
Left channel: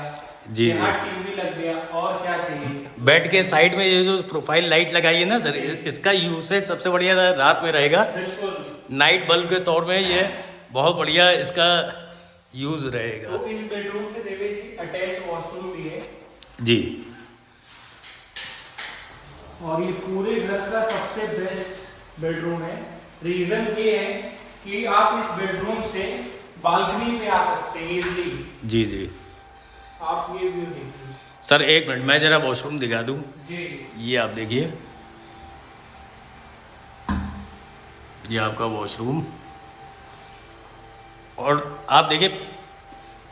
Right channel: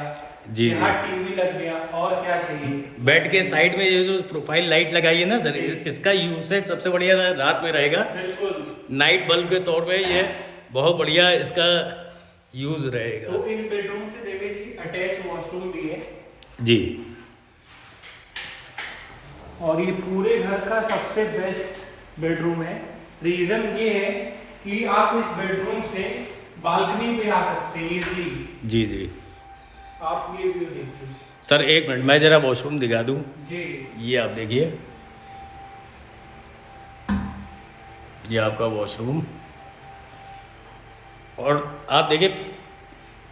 जी यहाँ जी। टीवी लग गया, और क्या चाहिए? बेड के साइड में ये जो प्रोफाइल लाइट लगाई है ना सर, इसका यूसेज सबसे बढ़िया रात में रहेगा। बिल्कुल। नाइट बल्ब के तौर में ये बहुत बढ़िया इसका यूज रहेगा। तो इस बेडरूम से देवेश जी अटैच वॉशरूम भी है जी। और ये पूरे घर का सबसे बेस्ट बेडरूम है। रीजन ये है कि आप इस बेडरूम से बालकनी में आ सकते हैं इजीली। जी जी। आप ये व्यू देखिए सर, एक मिनट, मैं जरा वॉशरूम दिखा दूं। जी। ये आप देखिए, ये आपका वॉशरूम, और आप देखिए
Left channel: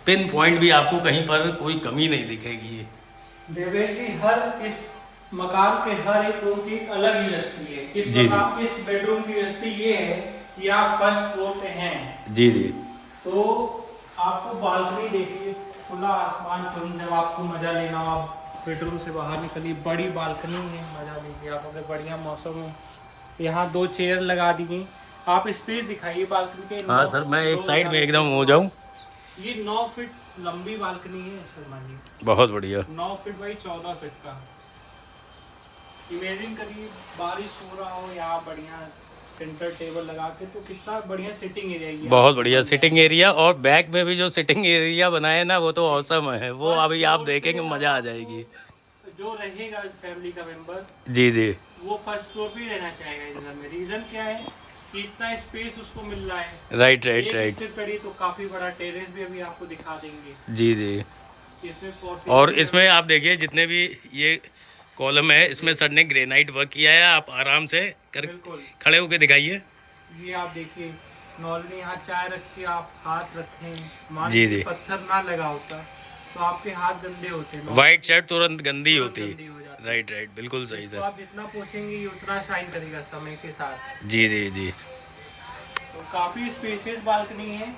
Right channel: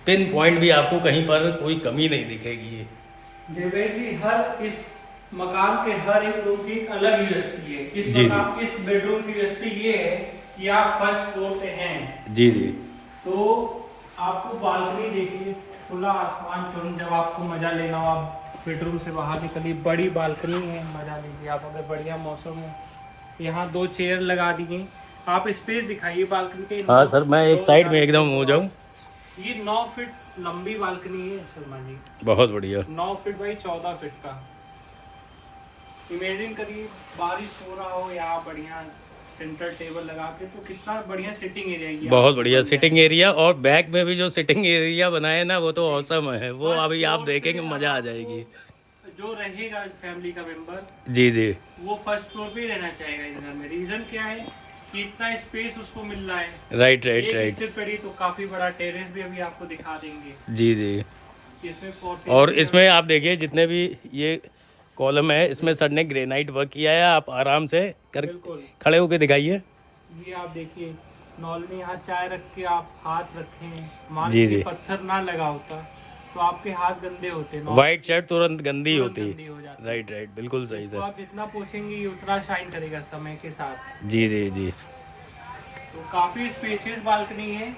पिन पॉइंट भी आपको कहीं पर कोई कमी नहीं दिखेगी। देवेश जी हर इस मकान के हर एक रूम की एक अलग यूएसपी है। इस बेडरूम की यूएसपी ये है कि आप फर्स्ट फ्लोर पे हैं। जी जी। तो आपको बालकनी देखिए, खुला आसमान, तुम जब आपको मजा लेना हो आप बेडरूम से बाहर निकलिए, बड़ी बालकनी है, मजा लीजिए। आप अगर बढ़िया मौसम, यहाँ 2 चेयर लगा दी गई। आप स्पेस दिखाइए बालकनी पे। हाँ सर, मैं एक साइड में एकदम हो जाऊं। ये 9 फीट लंबी बालकनी है शर्मा जी, बहुत बढ़िया। 9 फीट बाई 14 फीट का। इमेजिन करिए बारिश हो रहा हो, यहाँ बढ़िया सेंटर टेबल लगा के, तो कितना बढ़िया सिटिंग एरिया है। बहुत बढ़िया सिटिंग एरिया, और बैक में भी जो सिटिंग एरिया बनाए ना, वो तो औसम है। वो अभी आप देखेंगे, मजा आ जाएगी। जो रहेगा फैमिली का मेंबर, जी जी। वो फर्स्ट फ्लोर पे ही रहना चाहेगा इस घर में। रीजन क्या है कि इतना स्पेस उसको मिल रहा है। Right right right. स्टेप पड़ी तो काफी बड़ा टेरेस भी अभी आपको दिखा देंगे। जी जी। इसमें और इसमें आप देखिए जितने भी ये कॉलम है, इसमें सर ने ग्रेनाइट वर्क किया है। आप आराम से बिल्कुल खड़े होके दिखाइए। ये आप देखिए, नॉर्मली यहाँ चाय रख के आप हाथ रखें, मान जी लीजिए जी। पत्थर ना लगा होता तो आपके हाथ गंदे होते। वाइट शर्ट तुरंत गंदी होती। गंदी हो जाती। राइट राइट, बिल्कुल सही इसको सर। आप जितना पोछेंगे ये उतना शाइन करेगा समय के साथ। जी जी जी। तो काफी स्पेशियस बालकनी है।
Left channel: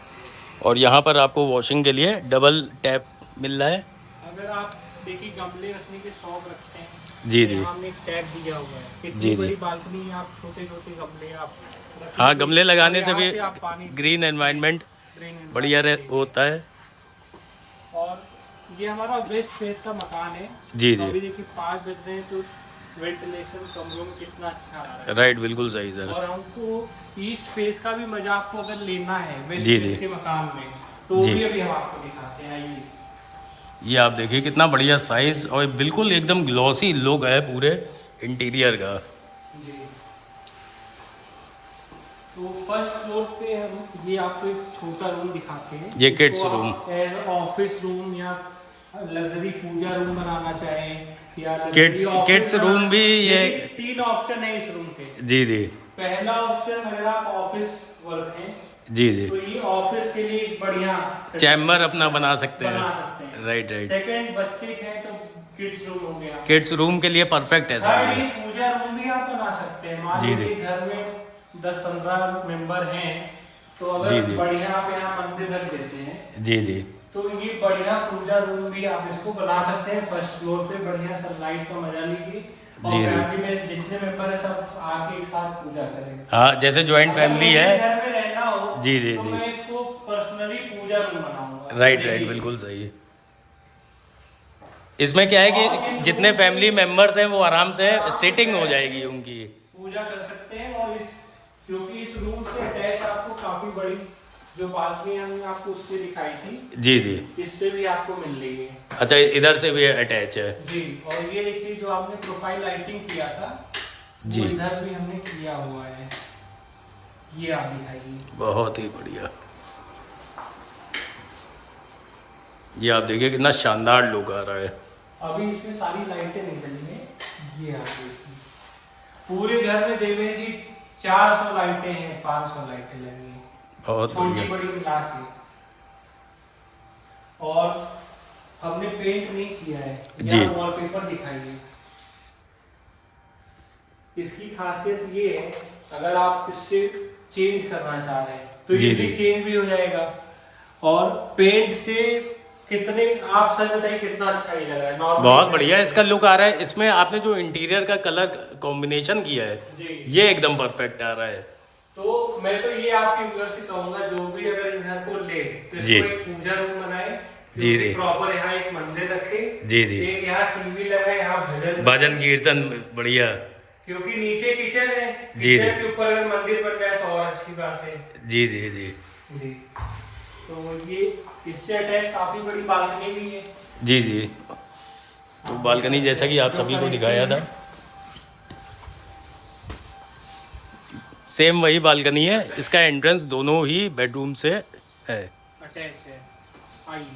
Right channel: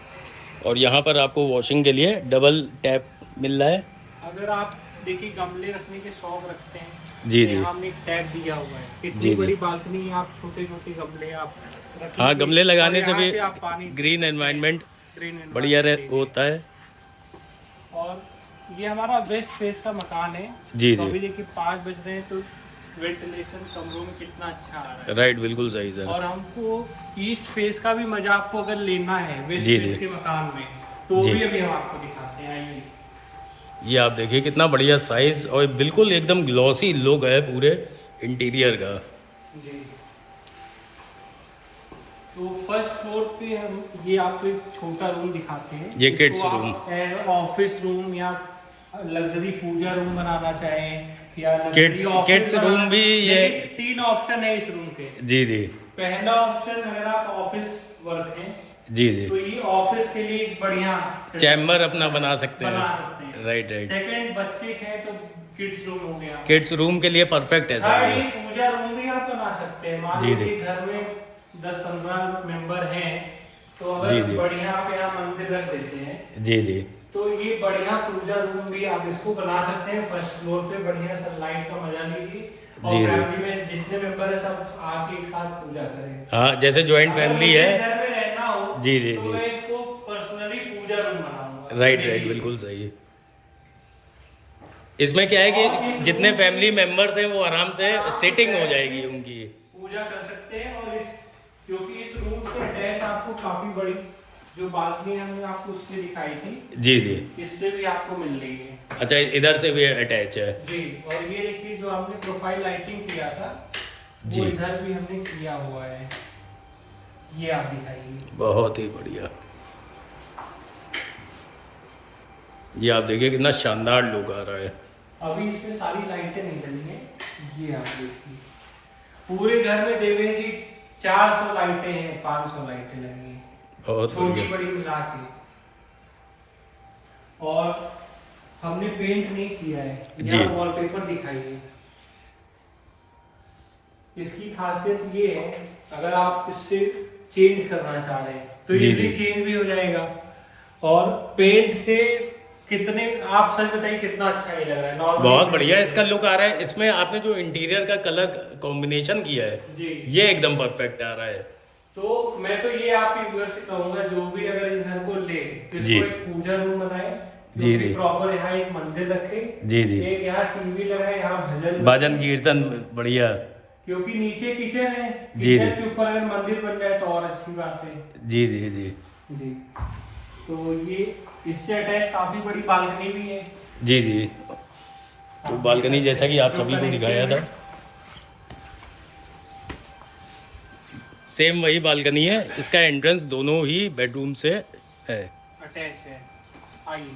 और यहाँ पर आपको वॉशिंग के लिए डबल टैप मिल रहा है। अगर आप देखिए गमले रखने के शौक रखते हैं, जी जी। हमने एक टैप दिया हुआ है। जी, इतनी जी। बड़ी बालकनी है, आप छोटे छोटे गमले आप रखें। हाँ, गमले लगाने और से यहाँ भी आप पानी ग्रीन एनवायरनमेंट ग्रीन बढ़िया environment होता है। देखिए। और ये हमारा वेस्ट फेस का मकान है। जी तो जी। अभी देखिए 5 बज रहे हैं, तो वेंटिलेशन कमरों में कितना अच्छा आ रहा है। राइट, बिल्कुल सही सर। और हमको ईस्ट फेस का भी मजा आपको अगर लेना है वेस्ट जी, फेस जी। के मकान में, तो वो जी। भी अभी हम आपको दिखाते हैं। आइए। ये आप देखिए कितना बढ़िया साइज और बिल्कुल एकदम ग्लॉसी लुक है पूरे इंटीरियर का। जी। तो फर्स्ट फ्लोर पे हम ये आपको एक छोटा रूम दिखाते हैं। ये kids room। As office room या लग्जरी पूजा रूम बनाना चाहें, या किड्स रूम भी ये। 3 ऑप्शन है इस रूम के। जी जी। पहला ऑप्शन अगर आप ऑफिस वर्क है जी जी। तो ये ऑफिस के लिए एक बढ़िया चैम्बर अपना बना सकते बना हैं। सकते हैं। Right right. सेकंड, बच्चे हैं तो किड्स रूम हो गया। किड्स रूम के लिए परफेक्ट है हाँ, सर ये ये। पूजा रूम भी आप बना सकते हैं। मान जी, जी। लीजिए घर में 10-15 मेंबर हैं, तो जी, अगर जी। बढ़िया आप यहाँ मंदिर रख देते हैं जी जी तो ये बढ़िया पूजा रूम भी आप इसको बना सकते हैं। फर्स्ट फ्लोर पे बढ़िया सनलाइट का मजा लीजिए और जी, जी। फैमिली में जितने मेंबर है सब आके एक साथ पूजा करेंगे। हाँ, जैसे जॉइंट अगर फैमिली मुझे है। घर में रहना हो जी, जी, तो जी। मैं इसको पर्सनली पूजा रूम बनाऊंगा। राइट मेरे राइट, लिए। बिल्कुल सही। इसमें क्या है कि जितने फैमिली मेंबर्स हैं वो आराम से सिटिंग हो जाएगी उनकी। पूजा कर सकते हैं। और इस क्योंकि इस रूम से अटैच आपको काफी बड़ी जो बालकनी हमने आपको उससे दिखाई थी, जी जी। इससे भी आपको मिल रही है। अच्छा, इधर से भी अटैच है। जी, और ये देखिए जो आपने प्रोफाइल लाइटिंग किया था जी। वो इधर भी हमने किया हुआ है। ये आप दिखाइए। बहुत ही बढ़िया। ये आप देखिए कितना शानदार लुक आ रहा है। अभी इसमें सारी लाइटें नहीं चली हैं। ये आप देखिए पूरे घर में देवे जी 400 लाइटें हैं, 500 लाइटें लगी हैं, बहुत छोटी बढ़िया। बड़ी मिला के। और हमने पेंट नहीं किया है। जी। यहाँ वॉलपेपर दिखाइए। इसकी खासियत ये है, अगर आप इससे चेंज करना चाह रहे हैं तो जी, ये जी। चेंज भी हो जाएगा। और पेंट से कितने, आप सच बताइए कितना अच्छा ही लग रहा है। नॉर्मल बहुत बढ़िया इसका लुक आ रहा है। इसमें आपने जो इंटीरियर का कलर कॉम्बिनेशन किया है जी। ये एकदम परफेक्ट आ रहा है। तो मैं तो ये आपके व्यूअर से कहूंगा जो भी अगर इस घर को ले तो जी। इसको एक पूजा रूम बनाए। जी, जी। प्रॉपर यहाँ एक मंदिर रखे। जी, जी। एक यहाँ टीवी लगाए, यहाँ भजन भजन कीर्तन बढ़िया। क्योंकि नीचे किचन है। जी, किचन जी। के ऊपर अगर मंदिर बन जाए तो और अच्छी बात है। जी जी जी जी। तो ये इससे अटैच काफी बड़ी बालकनी भी है। जी जी। तो बालकनी जैसा कि आप सभी को दिखाया था, सेम वही बालकनी है। इसका एंट्रेंस दोनों ही बेडरूम से है। अटैच है। आइए।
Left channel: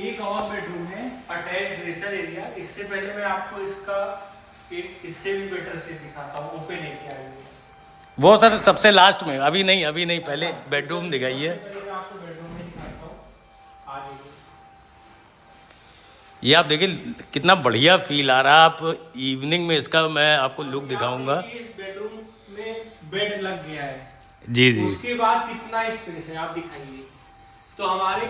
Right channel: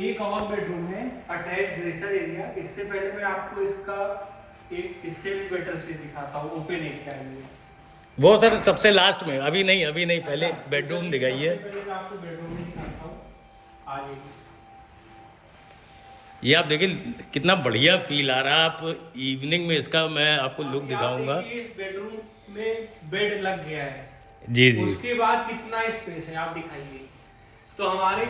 एक और बेडरूम है अटैच ड्रेसर एरिया। इससे पहले मैं आपको इसका एक इससे भी बेटर चीज दिखाता हूँ। ओपन एरिया है ये। वो सर सबसे लास्ट में, अभी नहीं, पहले बेडरूम दिखाइए। सबसे पहले मैं आपको बेडरूम में दिखाता हूँ। आगे ये आप देखिए कितना बढ़िया फील आ रहा है। आप इवनिंग में इसका मैं आपको लुक दिखाऊंगा। आप देखिए इस बेडरूम में बेड लग गया है। जी जी उसके बाद कितना स्पेस है आप दिखाइए। तो हमारे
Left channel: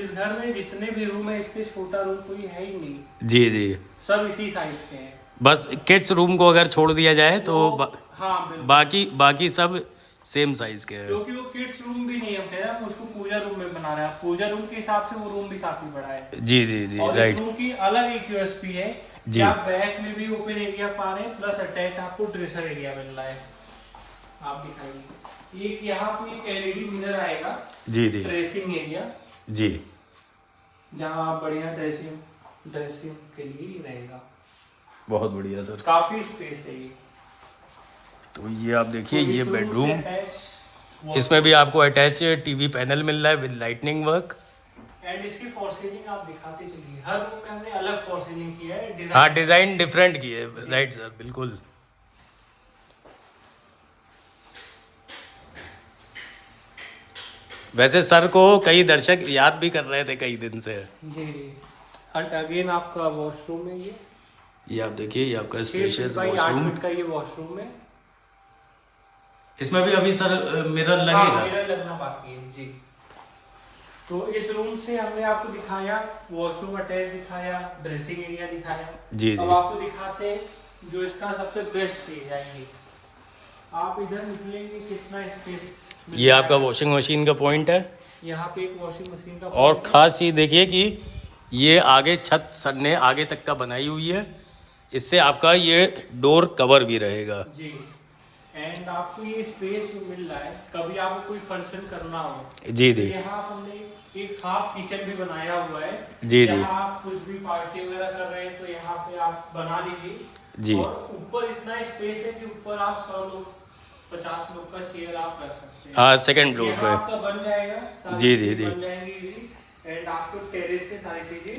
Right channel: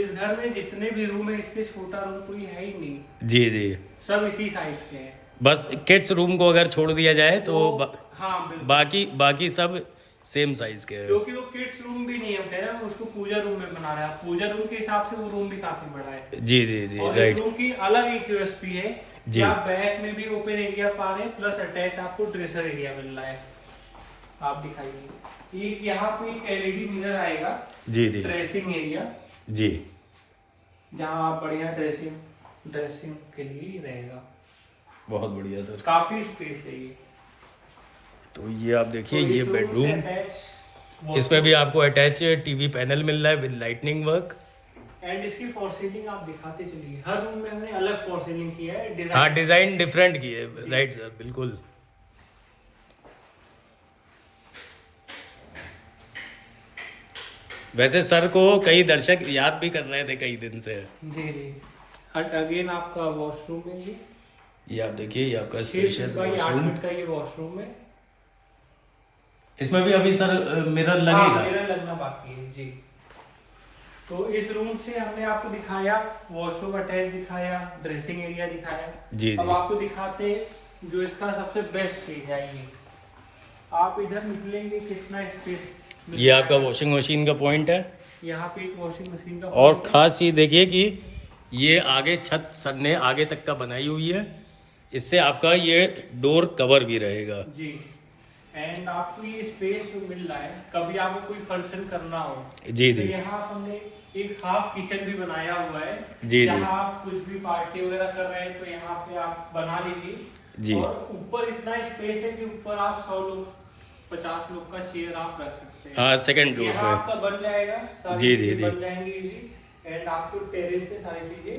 इस घर में जितने भी रूम है इससे छोटा रूम कोई है ही नहीं। जी जी। सब इसी साइज के हैं। बस किड्स रूम को अगर छोड़ दिया जाए तो हाँ बिल्कुल। बाकी सब सेम साइज के हैं। क्योंकि वो किड्स रूम भी नहीं है, हम कह रहे हैं उसको पूजा रूम में बना रहे हैं। पूजा रूम के हिसाब से वो रूम भी काफी बड़ा है। जी जी जी। और इस राइट। रूम की अलग एक यूएसपी है जी। कि आप बैक में भी ओपन एरिया पा रहे हैं, प्लस अटैच आपको ड्रेसर एरिया मिल रहा है। आप दिखाइए। एक यहाँ पे एक एलईडी मिरर आएगा। जी जी ड्रेसिंग एरिया, जी। जहाँ आप बढ़िया ड्रेसिंग के लिए रहेगा। बहुत बढ़िया सर। काफी स्पेस है ये। तो ये आप देखिए तो ये इस रूम से बेडरूम, attached इसमें भी आपको अटैच टीवी पैनल मिल रहा है विद लाइटनिंग वर्क। एंड इसकी फॉर सीलिंग आप दिखाते चलिए। हर रूम में हमने अलग फॉर सीलिंग किया है। हाँ, डिजाइन डिफरेंट की है। राइट सर, बिल्कुल। वैसे सर को कई दर्शक याद भी कर रहे थे कई दिन से। जी जी। अगेन आपका वॉशरूम है ये आप देखिए, ये आपका 6 spacious feet by 8 washroom. Feet का ये वॉशरूम है। इसमें भी अभी सर मिरर हाँ, लगेगा। मिरर लगना बाकी है जी। तो इस रूम से हमने आपको दिखाया वॉशरूम अटैच दिखाया, ड्रेसिंग एरिया दिखाया। जी अब जी आपको दिखाते हैं जो इसका सबसे बेस्ट चीज है। ये आप इधर निकलेंगे कितना स्पेस। ये आपका वॉशिंग मशीन का पॉइंट है। यहाँ पे एक वॉशिंग मशीन का और point है। खास चीज देखिए कि ये आगे छत सर ने आगे तक का बनाई हुई है। इससे आपका ये डोर कवर भी रहेगा। जी। एंड आपको ये स्पेस मिल रहा है कभी आपको कोई फंक्शन करना हो। जी तो जी यहाँ हमने एक हाफ किचन भी बनाया हुआ है। जी जी जहाँ आप कुछ भी पार्टी वगैरह कर रहे हैं तो यहाँ पे आप बना लीजिए। जी। और ऊपर इतना स्पेस है कि ऊपर आप 100 लोग 50 लोग का चेयर आप रख सकते हैं। हाँ, सेकंड फ्लोर यहाँ पे। आपका बन जाएगा। सारी जी, जी, चीजें जी। बन जाएंगी इजी। एंड आपको टेरेस पे सारी चीजें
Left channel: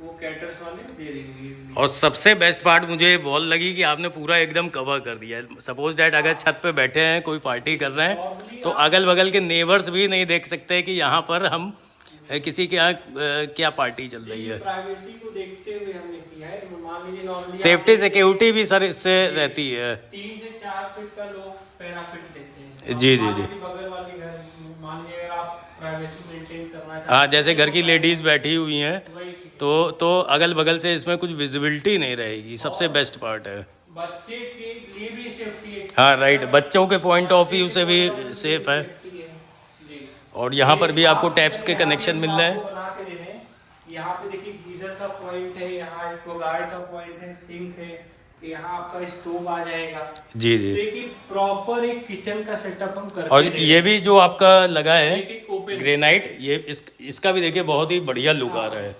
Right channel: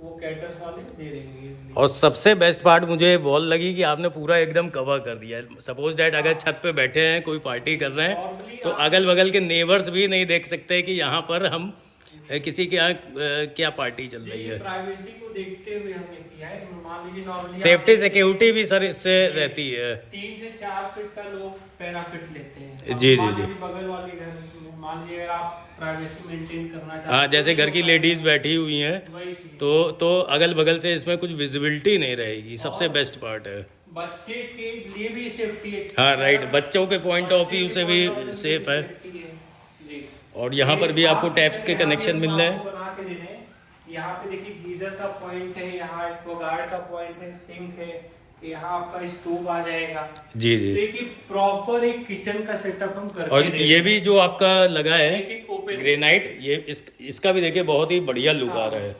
वो कैटर्स वाले दे देंगे easily। और सबसे बेस्ट पार्ट मुझे वॉल लगी कि आपने पूरा एकदम कवर कर दिया है। सपोज डैट अगर छत पे बैठे हैं, कोई पार्टी कर रहे हैं, तो अगल बगल के नेबर्स भी नहीं देख सकते कि यहाँ पर हम किसी के यहाँ क्या पार्टी चल रही है। प्राइवेसी को देखते हुए हमने किया है। मान लीजिए नॉर्मली सेफ्टी सिक्योरिटी भी सर इससे रहती है। 3 से 4 फीट का लोग पैराफिट लेते हैं। जी, मान जी, जी। लीजिए बगल वाले घर, मान लीजिए अगर आप प्राइवेसी मेंटेन करना चाहते हाँ, जैसे घर की लेडीज बैठी हुई हैं, हैं, वही चीज़। तो अगल बगल से इसमें कुछ विजिबिलिटी नहीं रहेगी। सबसे बेस्ट पार्ट है। बच्चे के लिए भी सेफ्टी है। हाँ राइट, बच्चों के पॉइंट ऑफ व्यू से भी सेफ है। सेफ्टी है जी। और यहाँ पर भी आपको टैप्स के कनेक्शन मिल रहे हैं। आपको बना के दे रहे हैं। यहाँ पे देखिए गीजर का पॉइंट है, यहाँ एक्वागार्ड का पॉइंट है, सिंक है, यहाँ आपका स्टोव आ जाएगा। जी जी। तो एक प्रॉपर एक किचन का सेटअप हम करके और दे रहे ये भी जो आपका लगा है हैं। एक ओपन ग्रेनाइट, ये इसका भी देखिए बहुत ही बढ़िया लुक आ रहा है।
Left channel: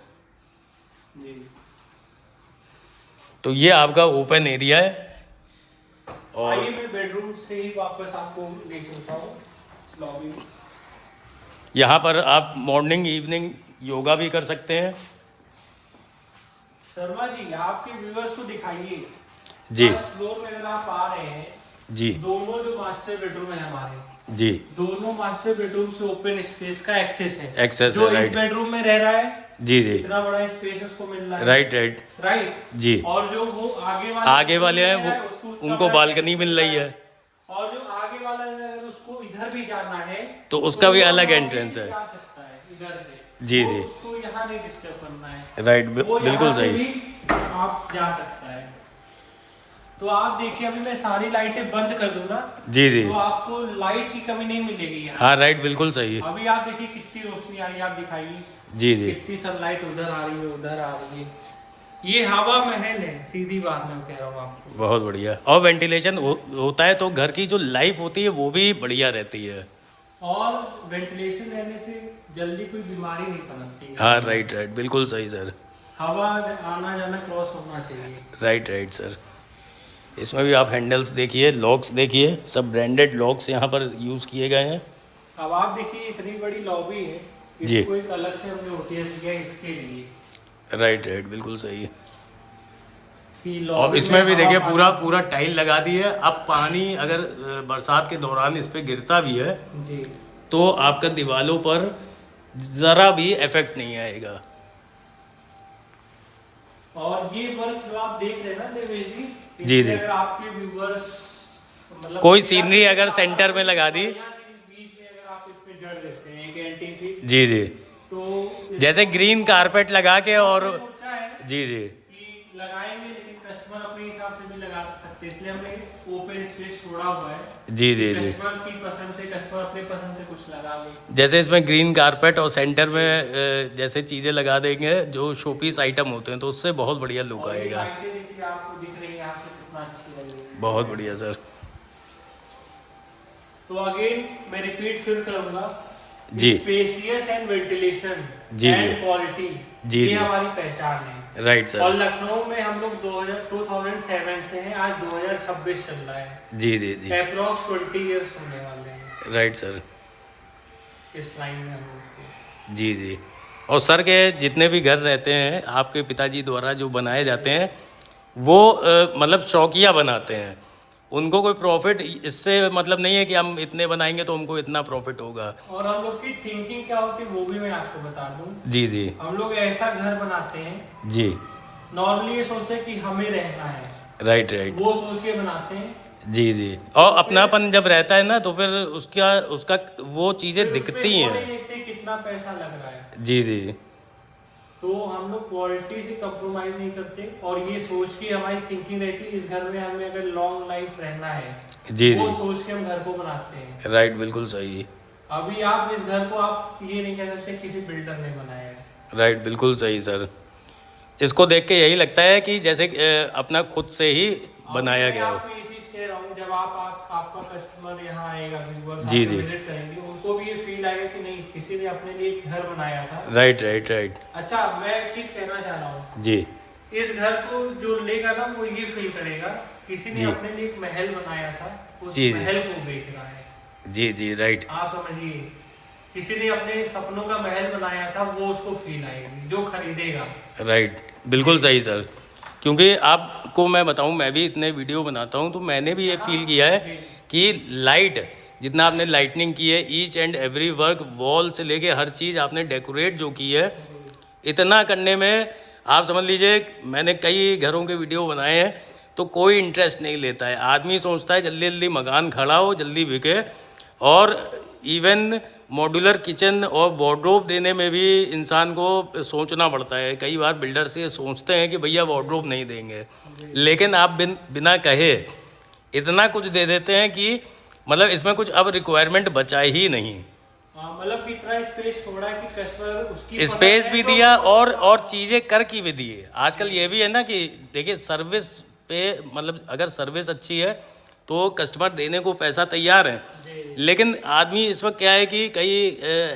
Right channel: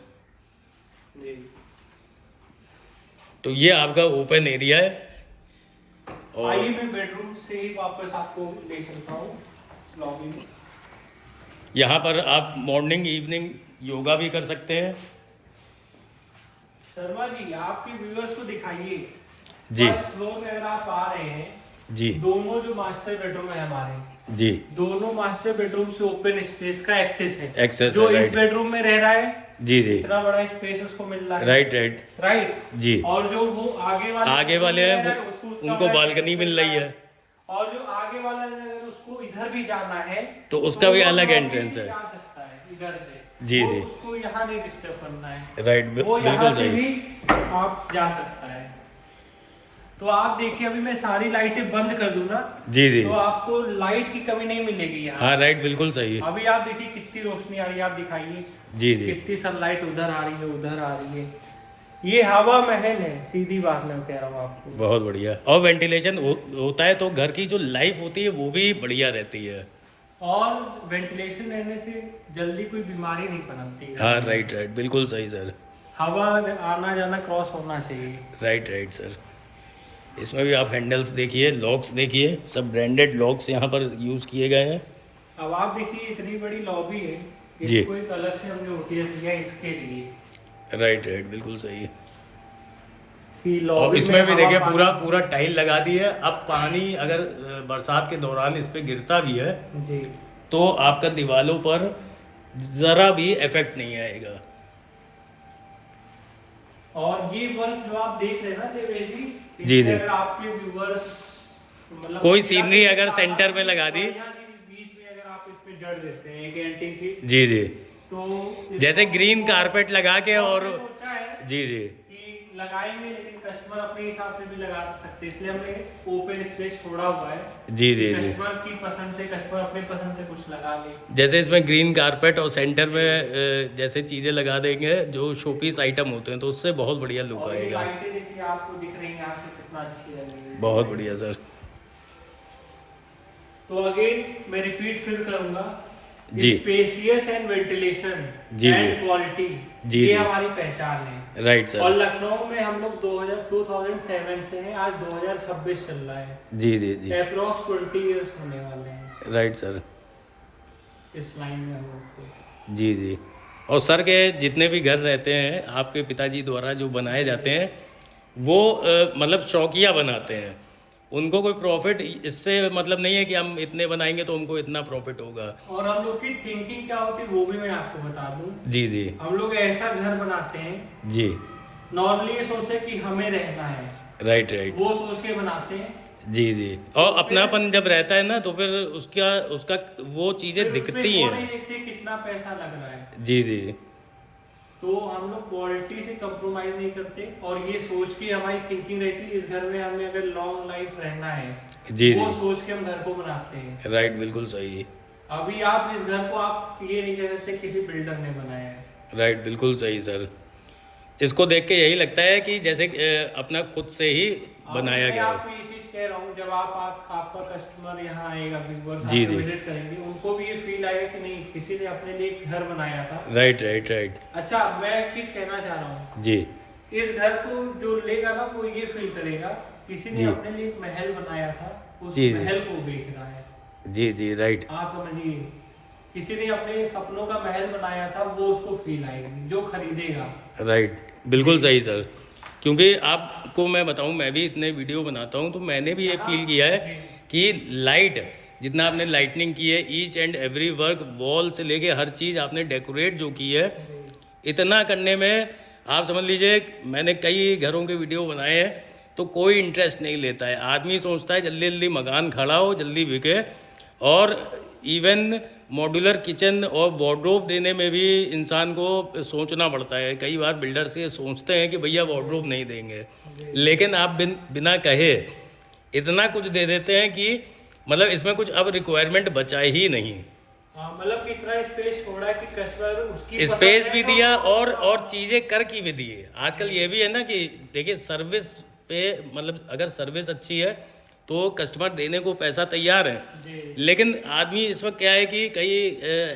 जी। तो ये आपका ओपन एरिया है। और आइए मैं बेडरूम से ही वापस आपको ले चलता हूँ लॉबी में। यहाँ पर आप मॉर्निंग इवनिंग योगा भी कर सकते हैं। शर्मा जी, आपके व्यूअर्स को दिखाइए। जी। फर्स्ट फ्लोर में अगर आप आ रहे हैं, जी दोनों जो मास्टर बेडरूम है हमारे, जी। दोनों मास्टर बेडरूम से ओपन स्पेस का एक्सेस है। एक्सेस जो है, इस राइट। बेडरूम में रह रहा है, जी जी। इतना बड़ा स्पेस उसको मिल रहा है। Right right. राइट जी। और जो वो आगे वाले हैं रह रहा है, वो उसको उतना उनको बड़ा बालकनी space मिल रही है। और जो आगे वाला है, अगर उसको इधर भी जाना है तो उसका भी वो अलग वहाँ एंट्रेंस भी है। जा सकता है इधर से। जी, वो जी। उसको यहाँ नहीं डिस्टर्ब करना है। राइट, वो बिल्कुल यहाँ से सही। भी आप जा सकता है। तो आप देखिए, अभी मैं सारी लाइटें बंद कर दूं ना, जी जी। तो आपको लाइट की कमी नहीं मिलेगी यहाँ। हाँ राइट, बिल्कुल सही। अभी आप देखिए कितनी रोशनी आ रही है, आप दिखाइए। जी जी। कितनी सनलाइट उधर आ रही है, उधर आ रही है। ये हवा महल है, सीधी बात मैं कह रहा हूँ आपको। बहुत बढ़िया। और वेंटिलेशन होता है तो घर की जो लाइफ होती है वो भी बढ़िया रहती है। और वेंटिलेशन रहने से जल्दी कोई बीमारी नहीं पनपती है। हाँ राइट राइट, बिल्कुल सही सर। हवा आना जाना क्रॉस होना चाहिए। Right right sir. इसमें भी आप हैंडल्स देखिए, लॉक्स देखिए, सब ब्रांडेड लॉक्स यहाँ पर यूज़ किए गए हैं। अब आप देखिए, इतनी बड़ी लॉबी है, जी। इसको एक अलग से हमने ओटीएस दिया इसके लिए राइट राइट, बिल्कुल सही है। कि और लॉबी इसमें भी में देखिए हवा- पूरा टाइल लगा दी है। अब पानी अगर बरसात के दौरान इस पे गिरता भी है जी। तो आपका दीवारों पर ज़रा भी इफेक्ट नहीं आएगा। और ये वर्क जो आप देख रहे हैं ना देवेश जी, जी, इससे जी। अगर आपके व्यूअर्स मतलब कोई सीनरी अगर सेंटर में लगा दी, बीच में अगर आप इसमें जड़ देते हैं एक एंटिंग शीट, जी जी, तो जैसे ग्रीन कारपेट लगा के और सोचा है जी जी। कि लगाएंगे, लेकिन कस्टमर अपने हिसाब से भी लगा सकते हैं, इसलिए हमने ओपन स्पेस छोड़ा हुआ है। जी जी जी। कस्टमर की पसंद से, कस्टमर अपने पसंद से कुछ लगा ले। जैसे इसमें ग्रीन कारपेट और सेंटर में जैसे चीज़ें लगा देंगे जो शोपीस आइटम होते हैं, तो उससे बहुत बढ़िया लुक और ये आएगा। लाइटें देखिए, आपको दिख रही है यहाँ से कितना अच्छी लग रही है। बहुत बढ़िया सर। तो अगेन मैं रिपीट फिर करूंगा, जी। स्पेशियस एंड वेंटिलेशन जी, एंड जी। क्वालिटी, जी, ये जी। हमारी पहचान है। राइट और सर। लखनऊ में हम लोग 2007 से हैं, आज 2026 चल रहा है। जी जी जी। अप्रोक्स 20 इयर्स होने वाले हैं राइट सर। इस लाइन में हम लोग को। जी जी। और सर के जितने भी घर रहते हैं आपके पिताजी द्वारा जो बनाए जाते हैं, वो मतलब चौकिया बनाते हैं। उनको कोई प्रॉफिट इससे मतलब नहीं है कि हम इतने बनाएंगे तो हमको इतना प्रॉफिट होगा। और हम लोग की थिंकिंग क्या होती है वो भी मैं आपको बता दूं। जी जी। हम लोग ऐसा घर बनाते हैं, जी। नॉर्मली ये सोचते हैं कि हमें रहना है, राइट राइट। वो सोच के बनाते हैं। जी जी। और अपनापन जब रहता है ना तो फिर उसका वो चीज़ें फिर उसमें दिखती वो हैं। नहीं देखते कितना पैसा लग रहा है। जी जी। तो हम लोग क्वालिटी से कंप्रोमाइज नहीं करते, और ये सोच की हमारी थिंकिंग रहती है इस घर में हमें अगर लॉन्ग लाइफ रहना है, जी वो जी। सोच के हम घर को बनाते हैं। राइट, बिल्कुल सही। अभी आप इस घर को आप ये नहीं कह सकते किसी बिल्डर ने बनाया है। राइट, बिल्कुल सही सर। इसको देख के यही लगता है कि जैसे अपना खुद से ही बनाया गया मैं हो। आपको ये चीज कह रहा हूँ, जब आपका कस्टमर यहाँ आएगा, व्यूअर्स जी, जी। विजिट करेंगे, उनको भी ये फील आएगा कि नहीं किसी ने अपने लिए एक घर बनाया था। Right right right. अच्छा, मैं एक चीज कहना चाह रहा हूँ, जी इस घर को जो लेगा ना वो ये फील करेगा किसी ने जी। अपने लिए एक महल बनाया था, उस जी, जी। महल को बेच रहा है। जी जी। राइट। आप समझिए किसी ने अपने सपनों का महल बनाया था, वो उसको फील आएगी जो खरीदेगा। राइट, बिल्कुल सही सर। क्योंकि आपको मैं बताऊं, मैं भी इतने वीडियो बनाता हूं तो मैंने भी ये फील किया है कि लाइट, जितना आपने लाइटनिंग की है, each and every work, wall से लेके हर चीज़ आपने डेकोरेट जो की है, इतना करने में आप समझ लीजिए, मैंने कई घरों के वीडियो बनाए हैं तो कोई इंटरेस्ट नहीं लेता है। आदमी सोचता है जल्दी जल्दी मकान खड़ा हो, जल्दी बिके। और इवन मॉड्यूलर किचन और वार्डरोब देने में भी इंसान को सोचना पड़ता है। कई बार बिल्डर से सोचते हैं कि भैया वार्डरोब नहीं देंगे, लेकिन आप बिना कहे इतना कुछ दे देते हैं कि मतलब इसमें कुछ अब रिक्वायरमेंट बचा ही नहीं। हाँ, मतलब कि इतना स्पेस छोड़ा है कि कस्टमर उसकी स्पेस भी दिया और चीज़ें कर की भी दी है। आजकल ये भी है ना कि देखिए, सर्विस पे मतलब अगर सर्विस अच्छी है तो कस्टमर देने को पैसा तैयार है। लेकिन आदमी इस वक्त क्या है कि कई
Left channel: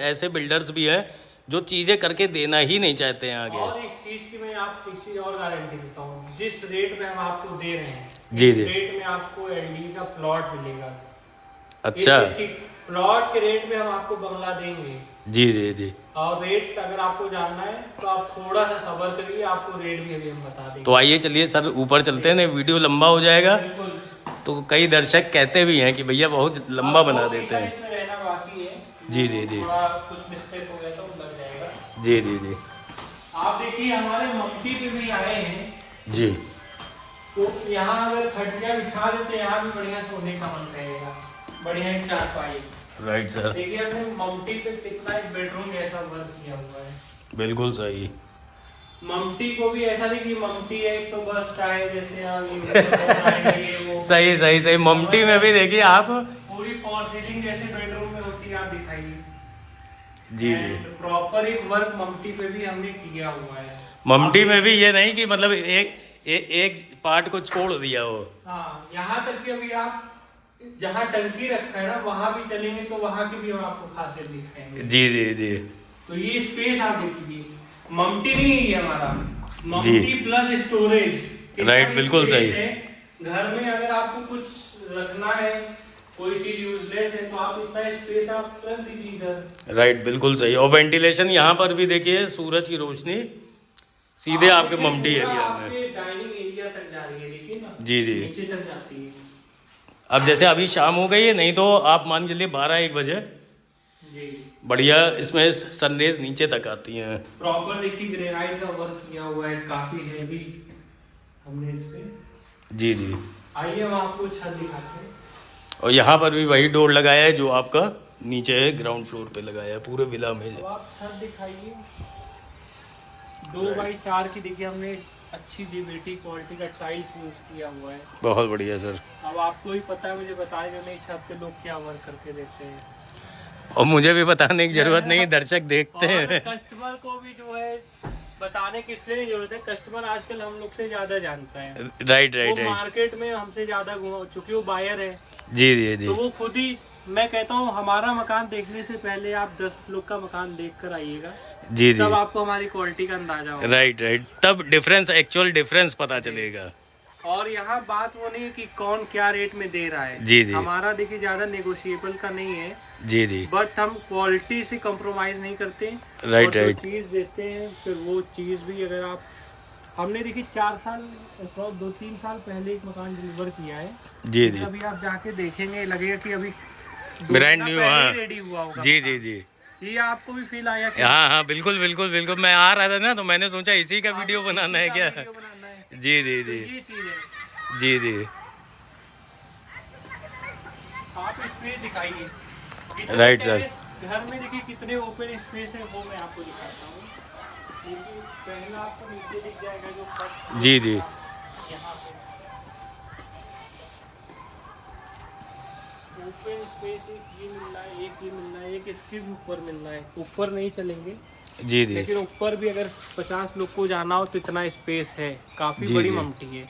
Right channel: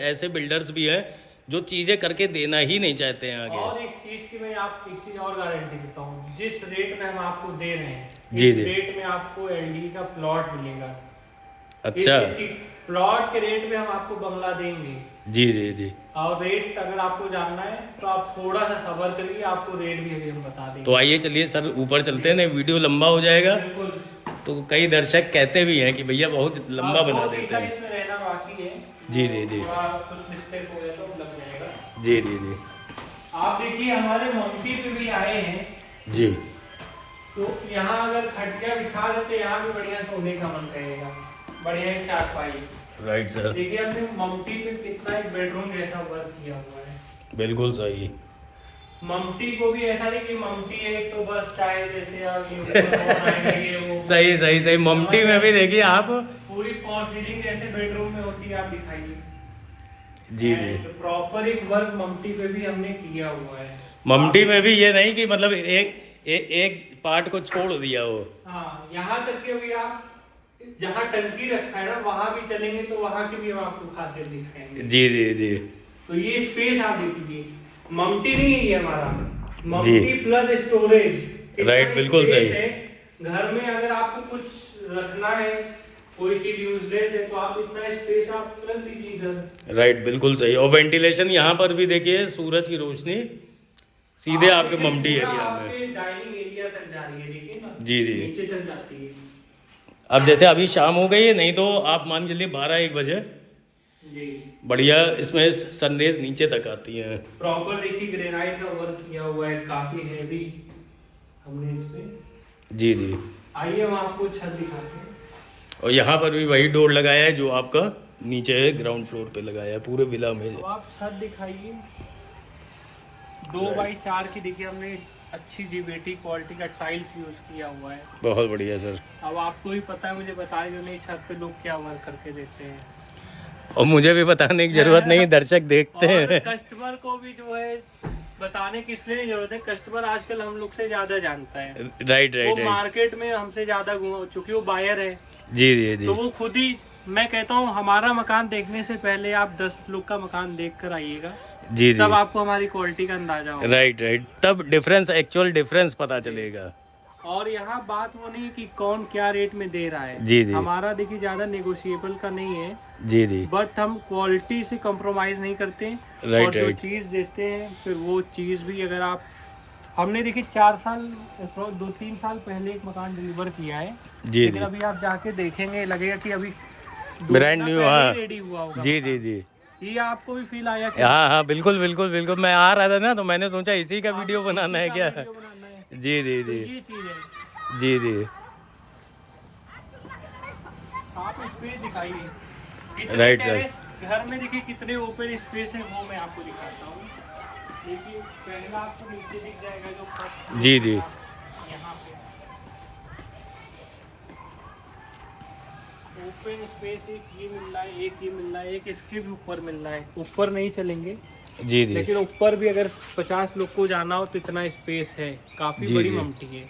ऐसे बिल्डर्स भी हैं जो चीज़ें करके देना ही नहीं चाहते हैं आगे। और इस चीज की मैं आपको एक चीज और गारंटी देता हूँ, जिस रेट में हम आपको दे रहे हैं, जी इस जी। रेट में आपको एलडी का प्लॉट मिलेगा। अच्छा, प्लॉट के रेट में हम आपको बंगला देंगे। जी जी जी। और रेट अगर आपको जानना है तो आप थोड़ा सा सब्र करिए, आपको रेट भी अभी हम बता देंगे। तो आइए चलिए सर ऊपर चलते हैं, नहीं वीडियो लंबा हो जाएगा। बिल्कुल। तो कई दर्शक कहते भी हैं कि भैया बहुत लंबा बना बहुत देते हैं। इसमें रहना बाकी है। जी जी जी। थोड़ा कुछ मिस्टेक हो गया तो लग जाएगा। जी जी जी आप देखिए हमारे मम्मी पे भी आए हैं, जी। तो यहाँ अगर खटिया बिछा देते, यहाँ भी बढ़िया सोने का मन करेगा, बढ़िया एक चारपाई। राइट सर, देखिए अपने मम्मी पे कितना एक बेडरूम जैसा वर्क किया हुआ है। बिल्कुल सही। मम्मी को भी ऐसा नहीं कि मम्मी है तो बस चाहे जैसे वो सही सही सही। ममटी में भी देखिए आप, पूरी फॉल सीलिंग जैसे बेडरूम में होती है, आप दिखाइए। जी जी। प्रॉपर एक वर्क मम्मी पे भी हमने किया हुआ है। ममटी में भी ये नहीं कि मतलब एक पार्ट को छोड़ दिया हो। हाँ, यहाँ तक कि अभी आप जहाँ टंकी रखा है ना, वहाँ भी चलेंगे तो वहाँ की भी हम आपको खासियत दिखाएंगे। जी जी जी। तो ये स्पेस आप देखिए, मम्टी नहीं है ये हमारा, मम्टी प्लस स्टोरेज। राइट, बिल्कुल सही। घर में अगर आपको कुछ रखना है, कोई चीज यूजलेस है, तो आप इतना स्पेस आप रख दीजिए इधर। राइट, बिल्कुल सही। और वेंटिलेशन यहाँ पर भी देखिए, सूरज की रोशनी सीधे आपके ममटी एरिया में, डाइनिंग एरिया तक जा रही है, देखिए ना। जी जी। नीचे तक जाती है। अब जैसे अभी शाम हो गई है, नहीं तो आप मान के चलिए 12-1 बजे जी। बढ़िया इसमें सनरेज नीचे तक आती हैं। प्रॉपर देखिए ग्रेनाइट का वर्क किया हुआ है, काफी हेवी हमने इस पे। जी जी। आइए हम आपको छत दिखाते हैं। और यहाँ पर भी वही डोर लगाया है जो आपका नीचे है, ग्राउंड फ्लोर पे लगाया है पूरे विला में। तो आप छत दिखाइए, 2x4 की देखिए हमने अच्छी जीबीटी क्वालिटी का टाइल्स यूज किया हुआ है। बहुत बढ़िया सर। अब आपको ही पता है, मुझे बताया जो नहीं छत पे लोग क्या वर्क करके देते हैं, और मुझे भी बताने की जरूरत नहीं, दर्शक देखते और हैं। कस्टमर को भी जो है बताने की इसलिए नहीं जरूरत है, कस्टमर आजकल हम लोग से ज्यादा जानता है। राइट वो राइट राइट। मार्केट में हमसे ज्यादा घुमा, चूंकि वो बायर है, जी जी जी। तो वो खुद ही, मैं कहता हूँ हमारा मकान देखने से पहले आप 10 लोग का मकान देख कर आइएगा, जी जी। तब आपको हमारी क्वालिटी का अंदाजा होगा। राइट राइट, तब डिफरेंस, एक्चुअल डिफरेंस पता चलेगा। और यहाँ बात वो नहीं है कि कौन क्या रेट में दे रहा है। जी जी। हमारा देखिए ज्यादा नेगोशिएबल का नहीं है, जी जी। बट हम क्वालिटी से कॉम्प्रोमाइज नहीं करते। राइट और जो राइट। चीज देते हैं, फिर वो चीज भी अगर आप, हमने देखिए 4 साल 2-3 साल पहले एक मकान डिलीवर किया है। जी लेकिन जी। अभी आप जाके देखेंगे, लगेगा कि अभी ब्रांड न्यू। हाँ, रेडी हुआ होगा। जी जी जी। ये आपको भी फील आया कि हाँ हाँ, बिल्कुल बिल्कुल बिल्कुल। मैं आ रहा था ना, तो मैंने सोचा इसी का वीडियो बनाना है क्या। वीडियो बनाना है। जी जी तो जी। ये चीज है। जी जी। आप स्पेस दिखाइए कितने राइट सर। टेरेस घर में, देखिए कितने ओपन स्पेस है, वो मैं आपको दिखाता हूँ। देखिए पहला आपको नीचे दिख जाएगा जो फर्स्ट, जी जी। यहाँ पे ओपन स्पेस एक ये मिल रहा है, एक ये मिल रहा है, एक इसके भी ऊपर मिल रहा है। ऊपर नहीं चलेंगे, जी जी। लेकिन ऊपर भी अगर 50 लोग को जाना हो तो इतना स्पेस है, काफी जी, बड़ी जी। ममटी है।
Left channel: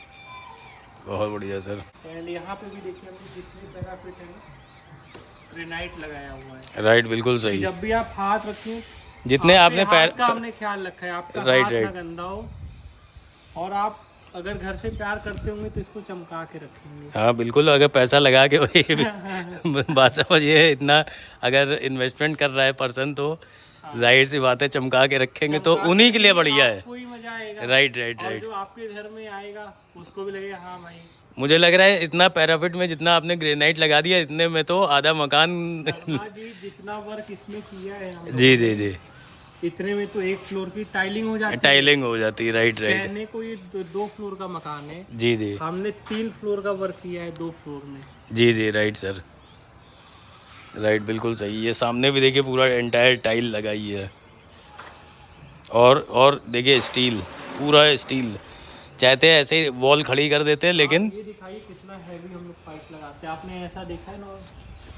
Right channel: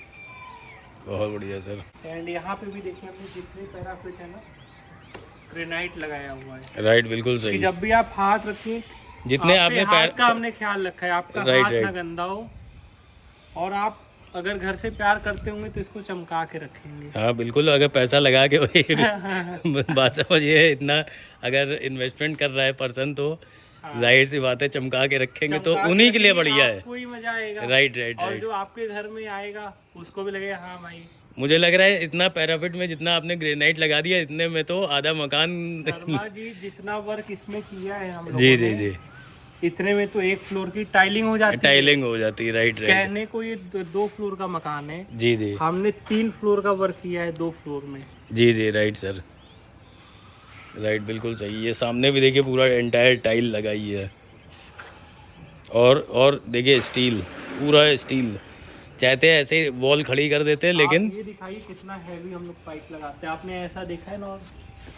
बहुत बढ़िया सर। एंड यहाँ पे भी देखिए हमने जितनी पैराफिट है ना, ग्रेनाइट लगाया हुआ है। राइट, बिल्कुल कि सही। जब भी आप हाथ रखें, जितने आपने हाथ का हमने ख्याल रखा है, आपका राइट, हाथ ना राइट। गंदा हो, और आप अगर घर से प्यार करते होंगे तो इसको चमका के रखेंगे। हाँ बिल्कुल, अगर पैसा लगा के वही बात समझिए, इतना अगर इन्वेस्टमेंट कर रहा है पर्सन तो जाहिर सी बात है चमका के रखेंगे तो उन्हीं के लिए बढ़िया है। कोई मजा आएगा। राइट राइट और राइट। जो आपके घर में आएगा उसको भी लगेगा हाँ भाई। मुझे लग रहा है इतना पैराफिट में जितना आपने ग्रेनाइट लगा दिया इतने में तो आधा मकान शर्मा जी जितना वर्क इसमें किया है हम जी लोगों जी ने, जी, इतने में तो 1 फ्लोर की टाइलिंग हो जाती है। टाइलिंग हो जाती है। राइट राइट कहने को ये 2 फ्लोर का मकान है, जी जी हमने 3 फ्लोर का वर्क किया है 2 फ्लोर में। जी जी। राइट सर, राइट, बिल्कुल सही। ये सामने भी देखिए पूरा एंटायर टाइल लगाई है और देखिए स्टील, पूरा स्टील। चाहते हैं ऐसे वॉल खड़ी कर देते हैं लेकिन ये दिखाइए कितना हैवी हम लोग पाइप लगाते हैं। आपने ऐसा देखा है ना?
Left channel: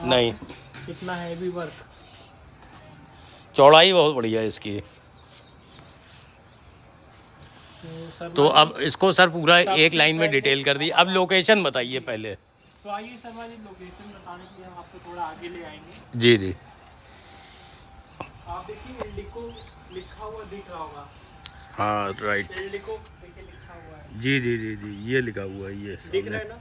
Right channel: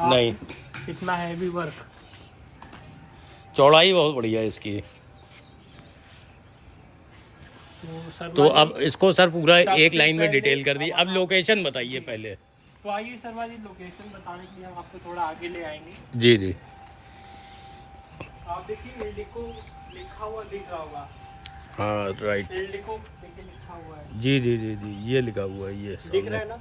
नहीं, कितना हैवी वर्क। चौड़ाई बहुत बढ़िया है इसकी। तो अब इसको सर पूरा एक लाइन में डिटेल कर दी। अब लोकेशन बताइए पहले। तो आइए शर्मा जी, लोकेशन बताने के लिए हम आपको थोड़ा आगे ले आएंगे। जी जी। आप देखिए एल्डिको लिखा हुआ दिख रहा होगा। हाँ राइट, एल्डिको देखिए लिखा हुआ है। जी जी जी जी, ये लिखा हुआ है, ये दिख रहा है ना?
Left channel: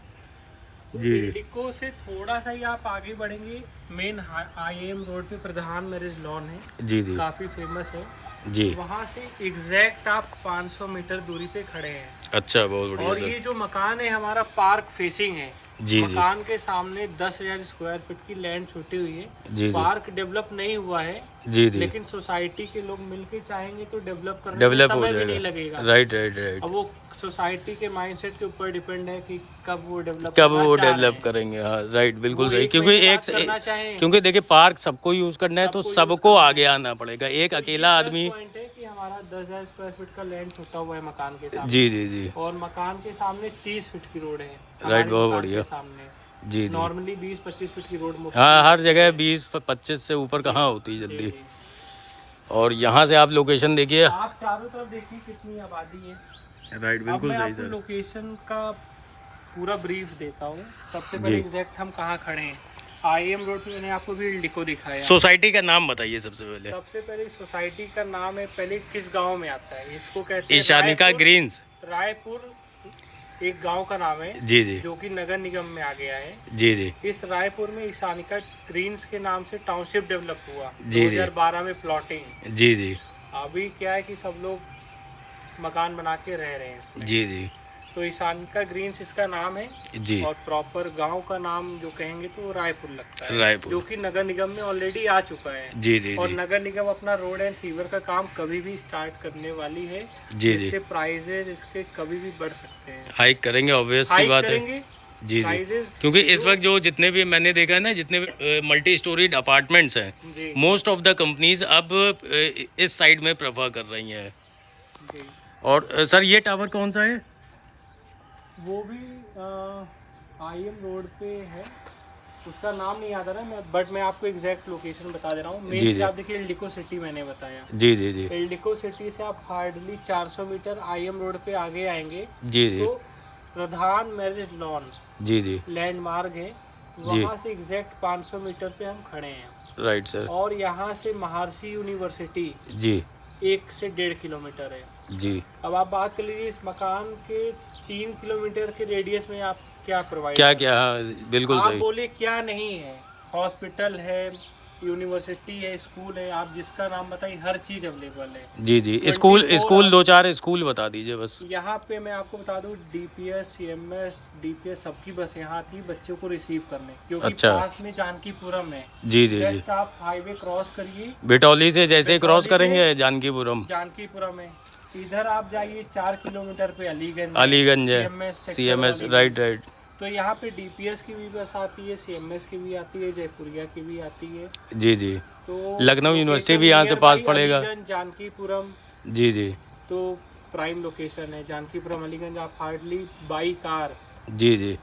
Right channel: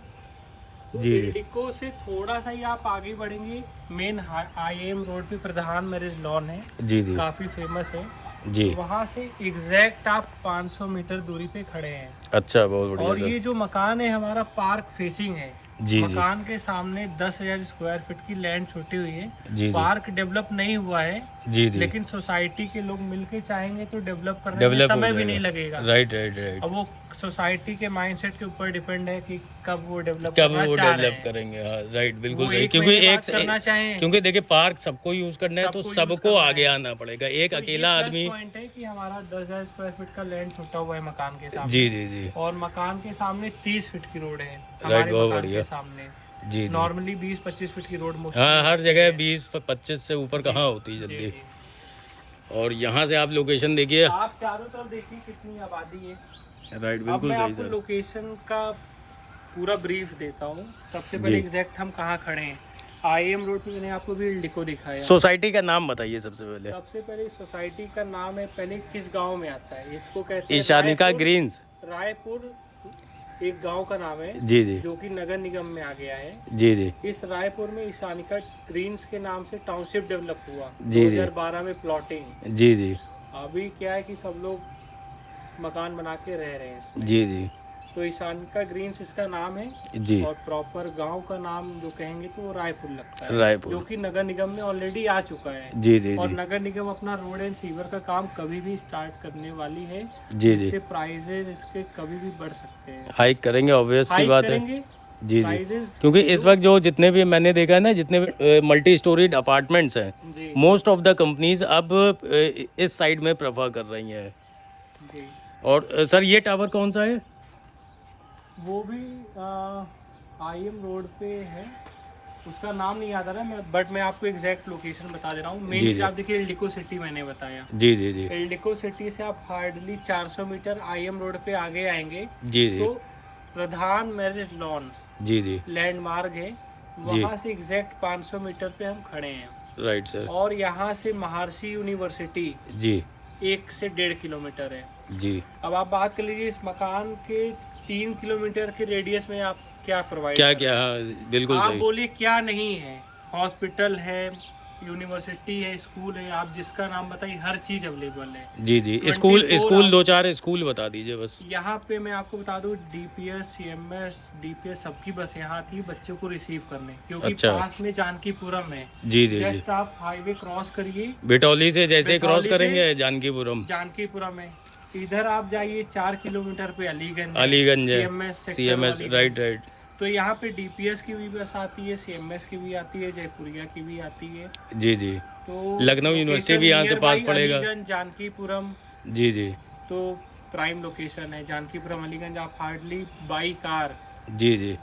तो जी। एल्डिको से थोड़ा सा ही आप आगे बढ़ेंगे, मेन IAM रोड पे प्रधान मैरिज लॉन है, जी जी काफी फेमस है जी। वहाँ से एग्जैक्ट आप 500 मीटर दूरी पे खड़े हैं। अच्छा, बहुत बढ़िया और सर। ये जो मकान है हमारा पार्क फेसिंग है। जी जी मकान के सामने 10,000 स्क्वायर फीट की लैंड छुट्टी हुई है। जी जी पार्क डेवलप नहीं हुआ है, जी जी, लेकिन सोसाइटी के लोग मिलके चाहेंगे तो डेवलप करने में डेवलप हो समय भी नहीं जाएगा। लगेगा। Right right right. अब वो सोसाइटी के माइंडसेट के ऊपर डिपेंड है कि कब वो डेवलप डेवलप करेंगे। हाँ राइट, बिल्कुल सही। क्योंकि क्योंकि देखिए पार्क सबको यूज करना है तो सबको आगे आना पड़ेगा। एक अकेला आदमी। पॉइंट है कि हमारा 10,000 स्क्वायर फीट का लैंड छुट्टा हुआ है मकान के सामने। जी जी जी, और मकान के सामने 30 फीट की रोड है। राइट, बहुत मकान बढ़िया। के सामने जी जी। नॉर्मली 20-25 फीट की रोड हाँ, हर जगह 20-25 से ऊपर कहाँ होती जल्दी। और यहाँ से आप लोकेशन देखिए। आप चारों तरफ देखिए कितनी आबादी है। राइट, अब बिल्कुल मैं सही आपको सर। लोकेशन का पूरा ब्रीफ देता हूँ। सबसे जी। पहले एग्जैक्ट हम कहाँ खड़े हैं। IAM रोड पे मैंने आपको भी एल्डिको दिखाया। सोसाइटी का नाम बताइए सबसे पहले। सबसे पहले सोसाइटी का नाम है, पहले किस गांव में आता है इसको कहते हैं ईशानिका ग्रीन्स। रायपुर एक गांव का नाम है जी जी जो कि नगर निगम में आ गया है। जी जी इस रायपुर में ईशानिका ग्रीन्स के नाम से टाउनशिप डेवलप हुआ जी, जी। 2012 में प्लॉटिंग। जी जी अभी क्या है कि सब लोग मकान बना के रह रहे हैं इसमें। जी जी तो ईशानिका ग्रीन्स इसका नाम है। जी। और प्रॉपर गांव का नाम जो कहेंगे तो रायपुर लगता है, रायपुर। जो कि नगर निगम में ऑलरेडी आ चुका है। जी जी और जी नगर निगम अपना रोड एंड सीवर का काम कभी भी स्टार्ट करने वाली है, जी जी। जिससे प्राइजेस इसके कभी भी बढ़ सकते हैं। हाइक करेंगे, ऑब्वियस सी हाइक बात है। करेंगे जी जी, प्राइजेस। क्योंकि इस वक्त जो जितने भी मैंने देखा है ना, जितने मल्टी स्टोरीड अपार्टमेंट्स हैं, जी मोस्ट ऑफ द कंपनीज अब इस साइड में प्रेफर कर रही हैं। जी। और सर ये टावर कौन सा है? वो भी IAM रोड पे है, उसका नाम नहीं याद आ रहा है बट मैं आपको एग्जैक्ट लोकेशन बता दे रहा हूँ। जी, मेन जी। आप देखिए एल्डिको सिटी मैंने बताया। जी जी जी एल्डिको सिटी से आप हार्डली 400 मीटर IAM रोड पे आगे आएंगे जी जी तो प्रधान मैरिज लॉन जी जी, लैंडमार्क है, वहाँ से एग्जैक्ट 500 मीटर पे हम खड़े हैं। Right sir. और यहाँ से महर्षि यूनिवर्सिटी जी 1 से 1.5 किलोमीटर है। जी अब आप बात कर लीजिए इस मकान के 3 किलोमीटर के रेडियस में आप क्या प्रोवाइड क्या क्या, हाँ बिल्कुल आप सही। बोलिए क्या नहीं है। हॉस्पिटल है, यूनिवर्सिटी है, स्कूल है, आप जिसका नाम बताइए हर चीज अवेलेबल है। जी जी, 24 स्कूल 2-4 स्कूल बता दीजिए बस। यहाँ पे मैं आपको बता दूं DPS CMS DPS सबकी बस यहाँ आती है बच्चों को रिसीव करने, क्योंकि अच्छा। पास में जानकीपुरम है। जी जी जी, जस्ट आप हाईवे क्रॉस करिए, बिटौली से जैसे क्रॉस बिटौली से करेंगे जानकीपुरम जानकीपुरम है। इधर आप जाइए 4 किलोमीटर पे अलीगंज अलीगंज है, sector CMS। Aliganj. Right right. तो यहाँ पे DPS की भी बस आती है, CMS की भी आती है, जयपुरिया की भी आती है। जी जी, तो लखनऊ यूनिवर्सिटी भी यहाँ से nearby पास पड़ेगा। अलीगंज, जानकीपुरम जी जी तो प्राइम लोकेशन है। जानकीपुरम अलीगंज आप हार्डली बाई कार जी जी,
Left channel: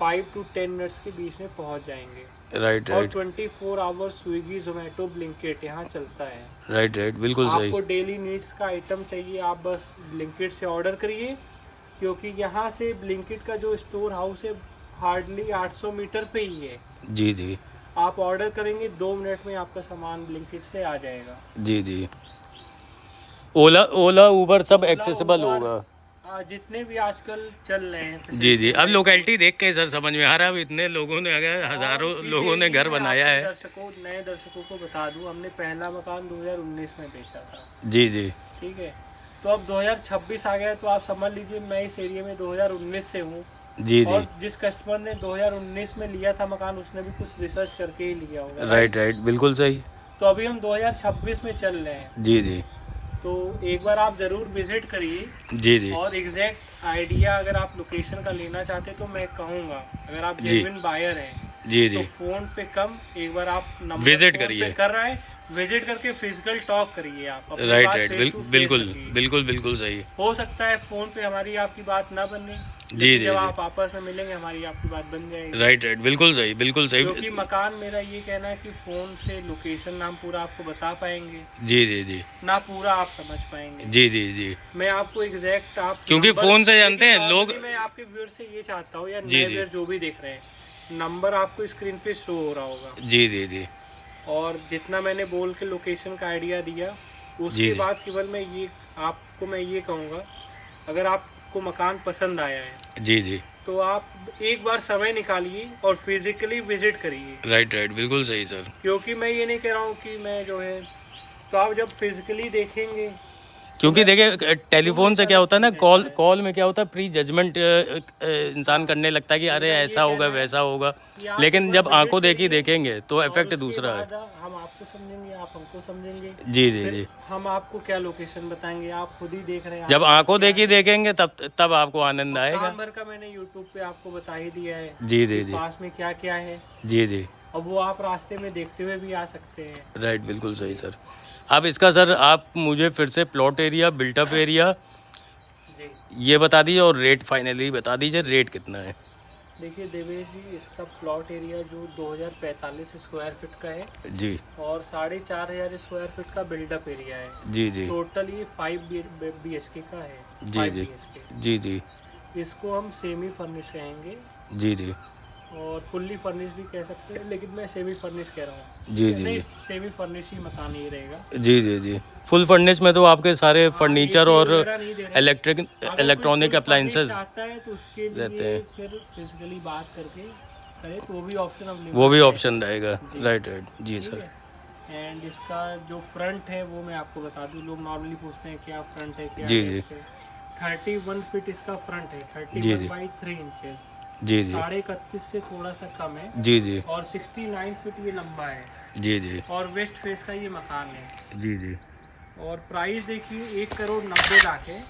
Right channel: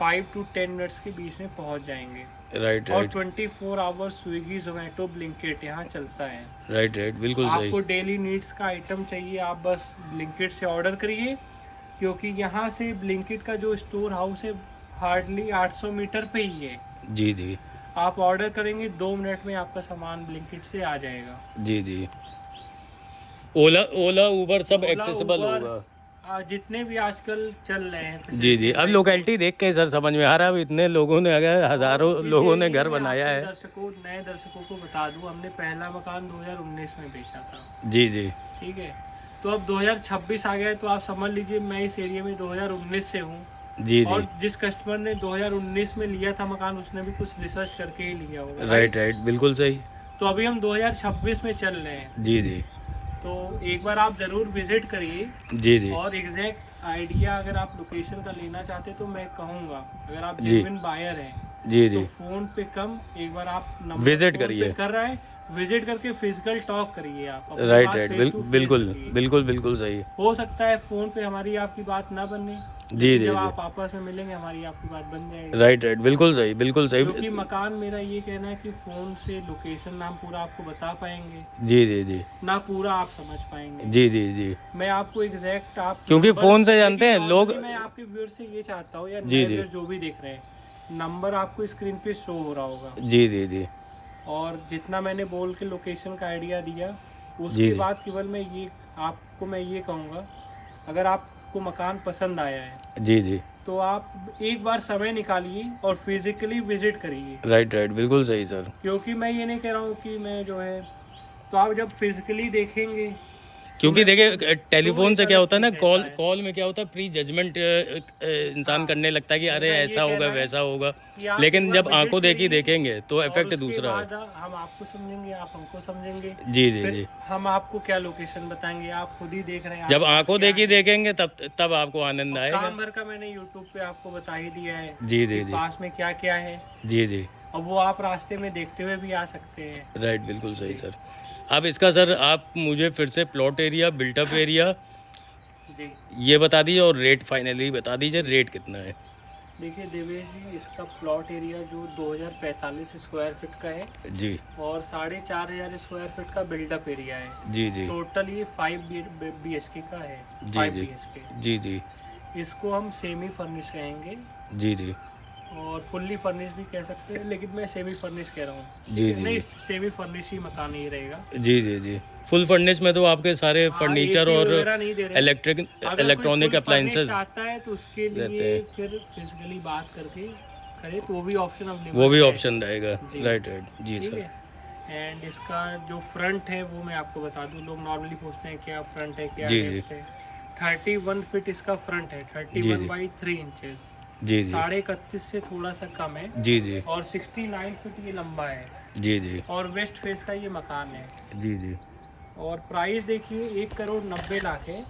5 to 10 मिनट्स के बीच में पहुंच जाएंगे। राइट और राइट 24 आवर्स स्विगी जोमेटो ब्लिंकिट यहाँ चलता है। राइट राइट, बिल्कुल सही। आपको डेली नीड्स का आइटम चाहिए, आप बस ब्लिंकिट से ऑर्डर करिए, क्योंकि यहाँ से ब्लिंकिट का जो स्टोर हाउस है हार्डली 800 मीटर पे ही है। जी जी आप ऑर्डर करेंगे 2 मिनट में आपका सामान ब्लिंकिट से आ जाएगा। जी जी, ओला ऊबर सब एक्सेसिबल होगा। जितने भी आजकल चल रहे हैं जी जी। अब लोकेलिटी देख के सर समझ में आ रहा है, अब इतने लोगों ने, अगर हज़ारों लोगों ने घर बनाया है। नए दर्शकों को बता दूं, हमने पहला मकान 2019 में बेचा था। जी जी ठीक है, तो अब 2026 आ गया, तो आप समझ लीजिए मैं इस एरिया में 2019 से हूँ। जी जी। और जिस कस्टमर ने 2019 में लिया था मकान, उसने भी कुछ रिसर्च करके ही लिया होगा। राइट राइट, बिल्कुल सही। तो अभी हम 2026 में चल रहे हैं, जी जी तो एक बार आप ज़रूर विजिट करिए। जी जी और एग्जैक्ट आइडिया अगर आप लोकेशन का लेना चाहते तो मैं कहूँगा, अगर आप जी। जेन्युइन बायर हैं जी तो जी। फ़ोन पे कम, एक बार आप नंबर विजिट फ़ोन करिए। पे कर रहे हैं, विजिट करके फिजिकल टॉक करिए, आप अपनी राइट बात राइट, फेस टू फेस बिल्कुल रखिए। बिल्कुल बिल्कुल सही। हो सकता है फ़ोन पे हमारी आपकी बात ना बने, जी लेकिन जी जब जी। आप आपस में मिलेंगे हमारी आपकी बात बन जाएगी। राइट राइट, बिल्कुल सही बिल्कुल क्योंकि सही। मकान, मेरा ये कहना है कि फ़ोन से लोकेशन हम पूरा आपको बता पाएंगे जी जी जी ना, पूरा आप समझ पाएंगे। जी जी जी। मैं आपको एग्जैक्ट आप क्योंकि नंबर- फ़ोन से जानते हैं लेकिन लोग। normally मैं आपके व्यूअर से ये चाहता हूँ, या जी नए जी व्यूअर जो भी देख रहे हैं, नंबर आपको स्क्रीन पे शो हो रहा होगा। जी जी जी और जितना मैंने बोल के लोकेशन का आइडिया दिया, जी उसके जी बाद केवल मैं ये कहूँगा, अगर आपको मकान पसंद आया है जी जी। तो आप एक बार समय निकालिए और फिजिकली विजिट करिए। राइट राइट, बिल्कुल सही सर। क्योंकि मैं ये नहीं कह रहा हूँ कि मैं जो है, तो आप जब फिजिकली देखेंगे तो क्योंकि देखिए टेलीफोन से क्या होता है ना, कॉल है। कॉल में क्या होता है, प्री जजमेंट इंसान करने लगता है कि अरे मेरा ये ऐसा होगा कहना है वैसा होगा, कि आप लेकिन एक जब बार आंखों विजिट देखी करिए, देखेंगे तो और इफेक्ट उसके दूसरा है। बाद हम आपको समझेंगे, आप हमको समझेंगे। जी जी फिर जी। हम आपको क्या लोकेशन बताएंगे, आप खुद ही देख रहे हैं। जब आपके पास आंखों क्या देखी है। देखेंगे तब तब आपको आनंद और आएगा। काम भर का मैंने यूट्यूब पे आपको बता ही दिया है जी जी कि जी पास में क्या क्या है, जी जी। और वो आप रास्ते में देखते हुए भी आ सकते हैं। राइट, बिल्कुल सही सर। अब इसका सर आप मुझे फिर से प्लॉट एरिया, बिल्टअप एरिया जी ये बता दीजिए, और रेट फाइनली बता दीजिए, रेट कितना है। देखिए देवेश जी, इसका प्लॉट एरिया जो 2045 स्क्वायर फीट का है, जी और 4500 स्क्वायर फीट का बिल्डअप एरिया है। जी जी टोटल ये 5 BHK का है। जी 5 जी BHK। जी जी इसको हम सेमी फर्निश कहेंगे, जी जी और फुल्ली फर्निश भी कह सकते हैं, लेकिन मैं सेमी फर्निश कह रहा हूँ। जी जी नहीं, सेमी फर्निश ही मकान ही रहेगा। जी जी जी। फुल फर्निश में तो आपके सारे फर्नीचर AC और वगैरह नहीं दे रहे हैं। इलेक्ट्रॉनिक अप्लायंसेस आता है तो उसके रहते लिए हैं। फिर फिजिकली बात करके करे तो वो भी ऑप्शन अवेलेबल वो भी है। ऑप्शन रहेगा। जी। राइट राइट जी ठीक सर। है। एंड इसका जो फ्रंट है वो मैं आपको बता दूं, लोग नॉर्मली पूछते हैं क्या फ्रंट है, क्या जी जी लेफ्ट है। 31 फीट इसका फ्रंट है, जी 31 जी बाई 3 इंचेस, जी जी 31.5 से थोड़ा सा कम है। जी जी और 69 फीट ये लंबा है, जी जी और वेस्ट फेस का ये मकान है। जी जी और प्राइस देखिए 1,90,00,000 है,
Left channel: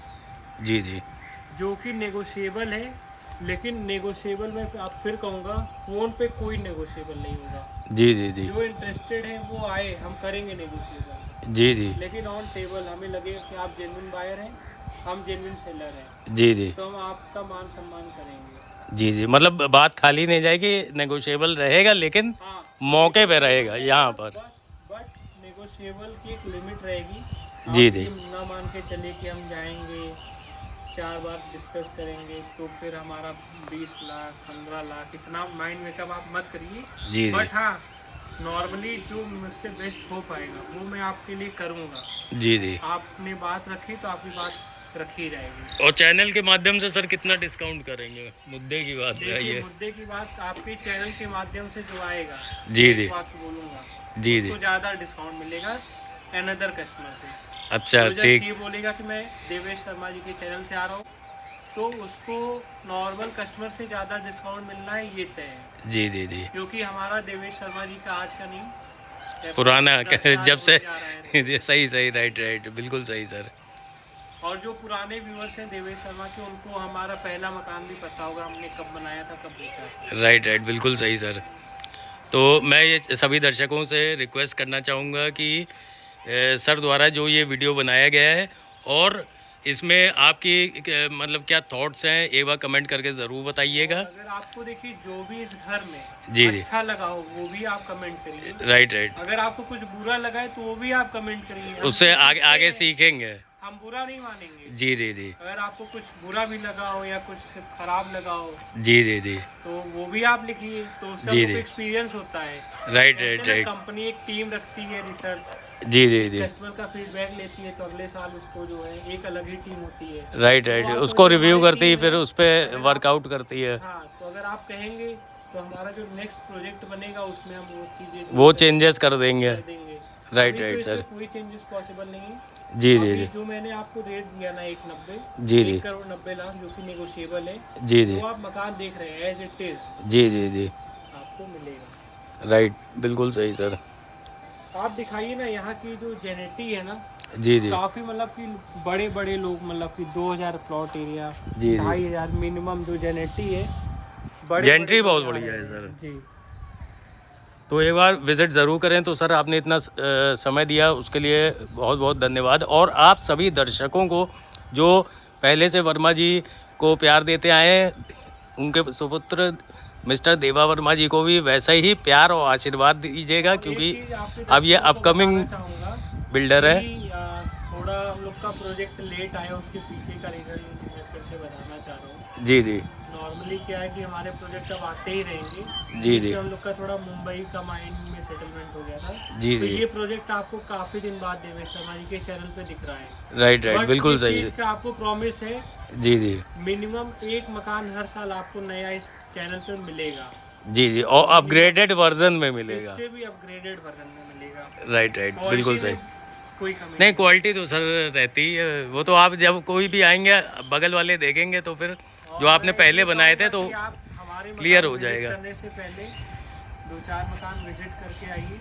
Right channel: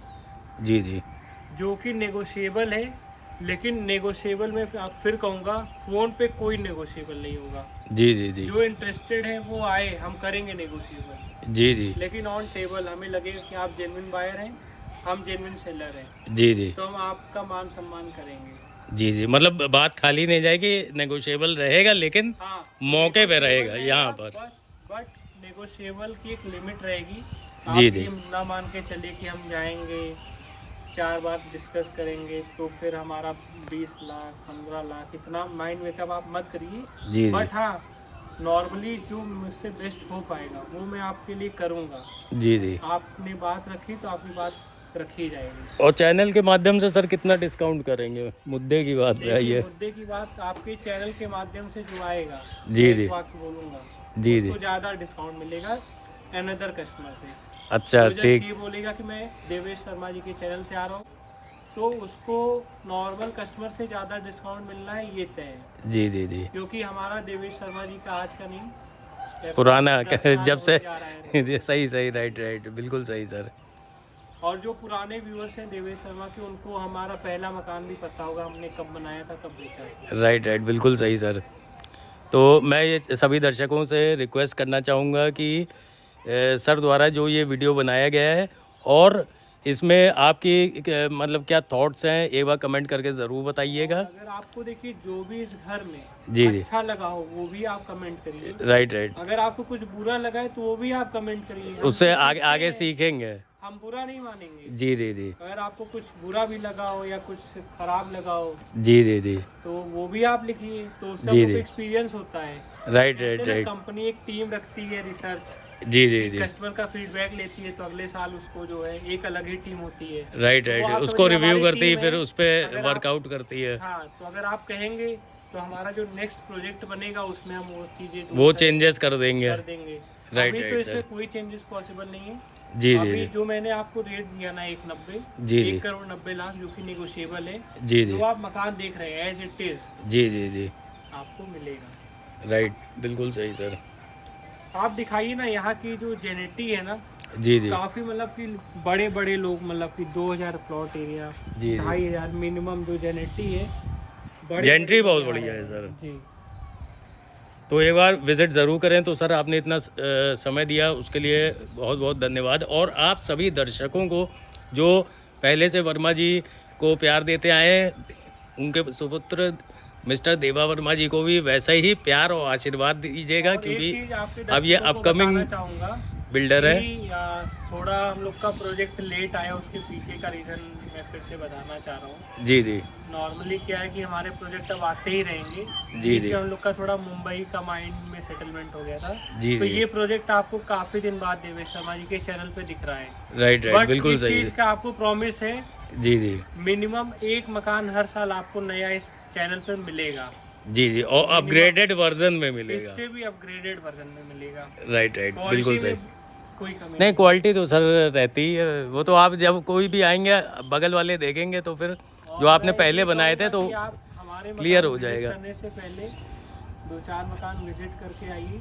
जी जी जो कि नेगोशिएबल है। लेकिन नेगोशिएबल में आप फिर कहूँगा, फ़ोन पे कोई नेगोशिएबल नहीं होगा। जी जी जी जो इंटरेस्टेड है वो आए, हम करेंगे नेगोशिएबल। जी जी लेकिन ऑन टेबल हमें लगेगा कि आप जेन्युइन बायर हैं, हम जेन्युइन सेलर हैं, जी जी तो हम आपका मान सम्मान करेंगे। जी जी। मतलब बात खाली नहीं जाएगी, नेगोशिएबल रहेगा, लेकिन हाँ, मौके पे रहेगा यहाँ पर। बट नेगोशिएबल की एक लिमिट रहेगी। जी आप जी ये ना मान के चलिए कि हम जाएंगे 4 बार डिस्कस करेंगे तो फिर हमारा 20 लाख 15 लाख इतना माइंड मेकअप आप मत करिए। जी जी बट हाँ, नॉर्मली जो मुझसे बेस्ट हो पाएगा वो मैं आपके लिए करूँगा। जी जी। आपने बात रखी तो आपकी बात रखी जाएगी। और चैनल के माध्यम से सर कितना डिस्काउंट करेंगे, मुद्दे की बात है देखिए, ये। मुद्दे की बात आपके चैनल के माध्यम से जो आएगा, जी मैं जी एक बात बोलूँगा, जी जी। उसको ज़्यादा डिस्काउंट मिलेगा अनदर कस्टमर से। अच्छा तो जब ठीक। ये बोलेगा कि मैं देवेश शर्मा जी के चैनल से आ रहा हूँ, तो उसको नॉर्मल कस्टमर से ज़्यादा डिस्काउंट मिलना है, ये तय है। जी जी जी। क्योंकि हमारा देवेश शर्मा जी का आज का नहीं, पुराना 10 साल जब से होने जा रहा है। सही सही, राइट राइट, बिल्कुल सही सर। और जो पुराने व्यूअर्स हैं देवेश शर्मा के, उनको हमारा पहला मकान भी पता होगा, हमने कब बनाया था, कब बेचा था। राइट राइट, बिल्कुल सही सर। तो मैं ये सभी दर्शकों से रिक्वेस्ट करना चाहूँगा कि सर द्वारा जो ये वीडियो बनाया गया है, और इसमें आपकी मतलब क्या थॉट्स हैं, एक बार कमेंट करके ज़रूर बताइएगा। अगर आपको देखिए जो भी इस घर में जी जी। अच्छा लगा हो वो भी आप कमेंट करिए। राइट राइट, अगर आपको कुछ बुरा लगा है तो वो भी आप कमेंट करिए। हम उससे तो आगे सीखते आगे हैं, सीखेंगे। हम बुरा नहीं मानेंगे। जी जी जी अगर आपको कुछ बुरा भी लगा हो या कुछ खराब लगा हो जी जी जी। तो वो भी आप लिखिए, तो उससे जी आपको जी। एक्सपीरियंस होता है। Right right right. कंपनी एक टीम रखती है रिसर्च, जी जी जी। कस्टमर का फीडबैक लेती है तो अगले साल उसको जो है एक अलग ही टीम होती है। राइट तो राइट, आप उसको समझिए रिव्यू हमारी करती है, टीम फिर है, उस पर अगर आप वर्कआउट करती है। हाँ तो अगर आप कहेंगे तो हमारा जो नेक्स्ट प्रोजेक्ट बनेगा उसमें हम वो चीज़ें वो चेंजेस कर देंगे। कर देंगे। राइट अभी तो राइट इसमें सर। कोई चेंजेस पॉसिबल नहीं है। जी तो जी अभी जी जो मैंने आपको रेट दिया ना 190, जी जी 1,90,90,00,000 जो कि नेगोशिएबल है, जी जी जो आप मकान देख रहे हैं एज इट इज जी जी जी। आपको मिलेगा। राइट, बिल्कुल सही सर। आप दिखाइए ना यहाँ की जो जेनेटी है ना, जी जी काफी मतलब कि बड़े बड़े लोग, मतलब कि 2,000 प्लॉट एरिया, जी जी। 2,500 मिनिमम जो जेनेटी है, बड़े जेंट्री बहुत बड़े बढ़िया है सर। जी। तो एक बार विज़िट ज़रूर करें। तो सर आपने इतना समय दिया उसके लिए बहुत बहुत धन्यवाद। और आप सभी दर्शकों को जो पहले से वर्मा जी को प्यार देते आए हैं, उनके सुपुत्र मिस्टर देवा वर्मा जी को भी वैसा ही प्यार और आशीर्वाद दीजिएगा, और एक क्योंकि चीज आपके अब ये दर्शकों को अपकमिंग बताना चाहूंगा बिल्डर है। कि थोड़ा हम लोग का प्रोजेक्ट लेट आया, उसके पीछे का रीजन मैं फिर से बताना चाह रहा हूँ। जी जी नॉर्मली क्या है कि हमारे प्रोजेक्ट अब आते ही रहेंगे, जी जिससे जी हम लोग का थोड़ा मुंबई का माइंड में सेटलमेंट हो गया था। जी तो जी। ये प्रोजेक्ट आपको काफी दिन बाद देवेश शर्मा जी के चैनल पे दिख रहा है। राइट राइट, बट बिल्कुल इस सही। चीज का आपको प्रॉमिस है, जी जी मिनिमम एक मकान हर साल आपको नया इस चैनल पे मिलेगा। जी जी, और अपग्रेडेड वर्जन में मिलेगा। इससे भी अपग्रेडेड वर्जन में मिलेगा। राइट राइट, बिल्कुल क्वालिटी सही। में कोई कमी नहीं, क्वालिटी तो सर रहती है, वो तो आप जब कोई भी आएंगे बगल वाले देखेंगे तो फिर जो आपने पहले बनाए थे तो आप हमारे क्लियर मकान हो विजिट जाएगा। करने से पहले 2-4 मकान विजिट करके आइए,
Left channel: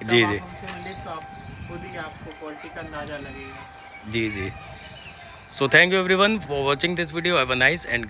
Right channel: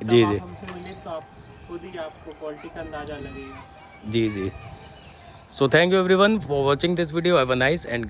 तब जी आप जी हमसे मिले तो आप खुद ही आपको क्वालिटी का अंदाजा लगेगा। जी जी। So thank you everyone for watching this video. Have a nice and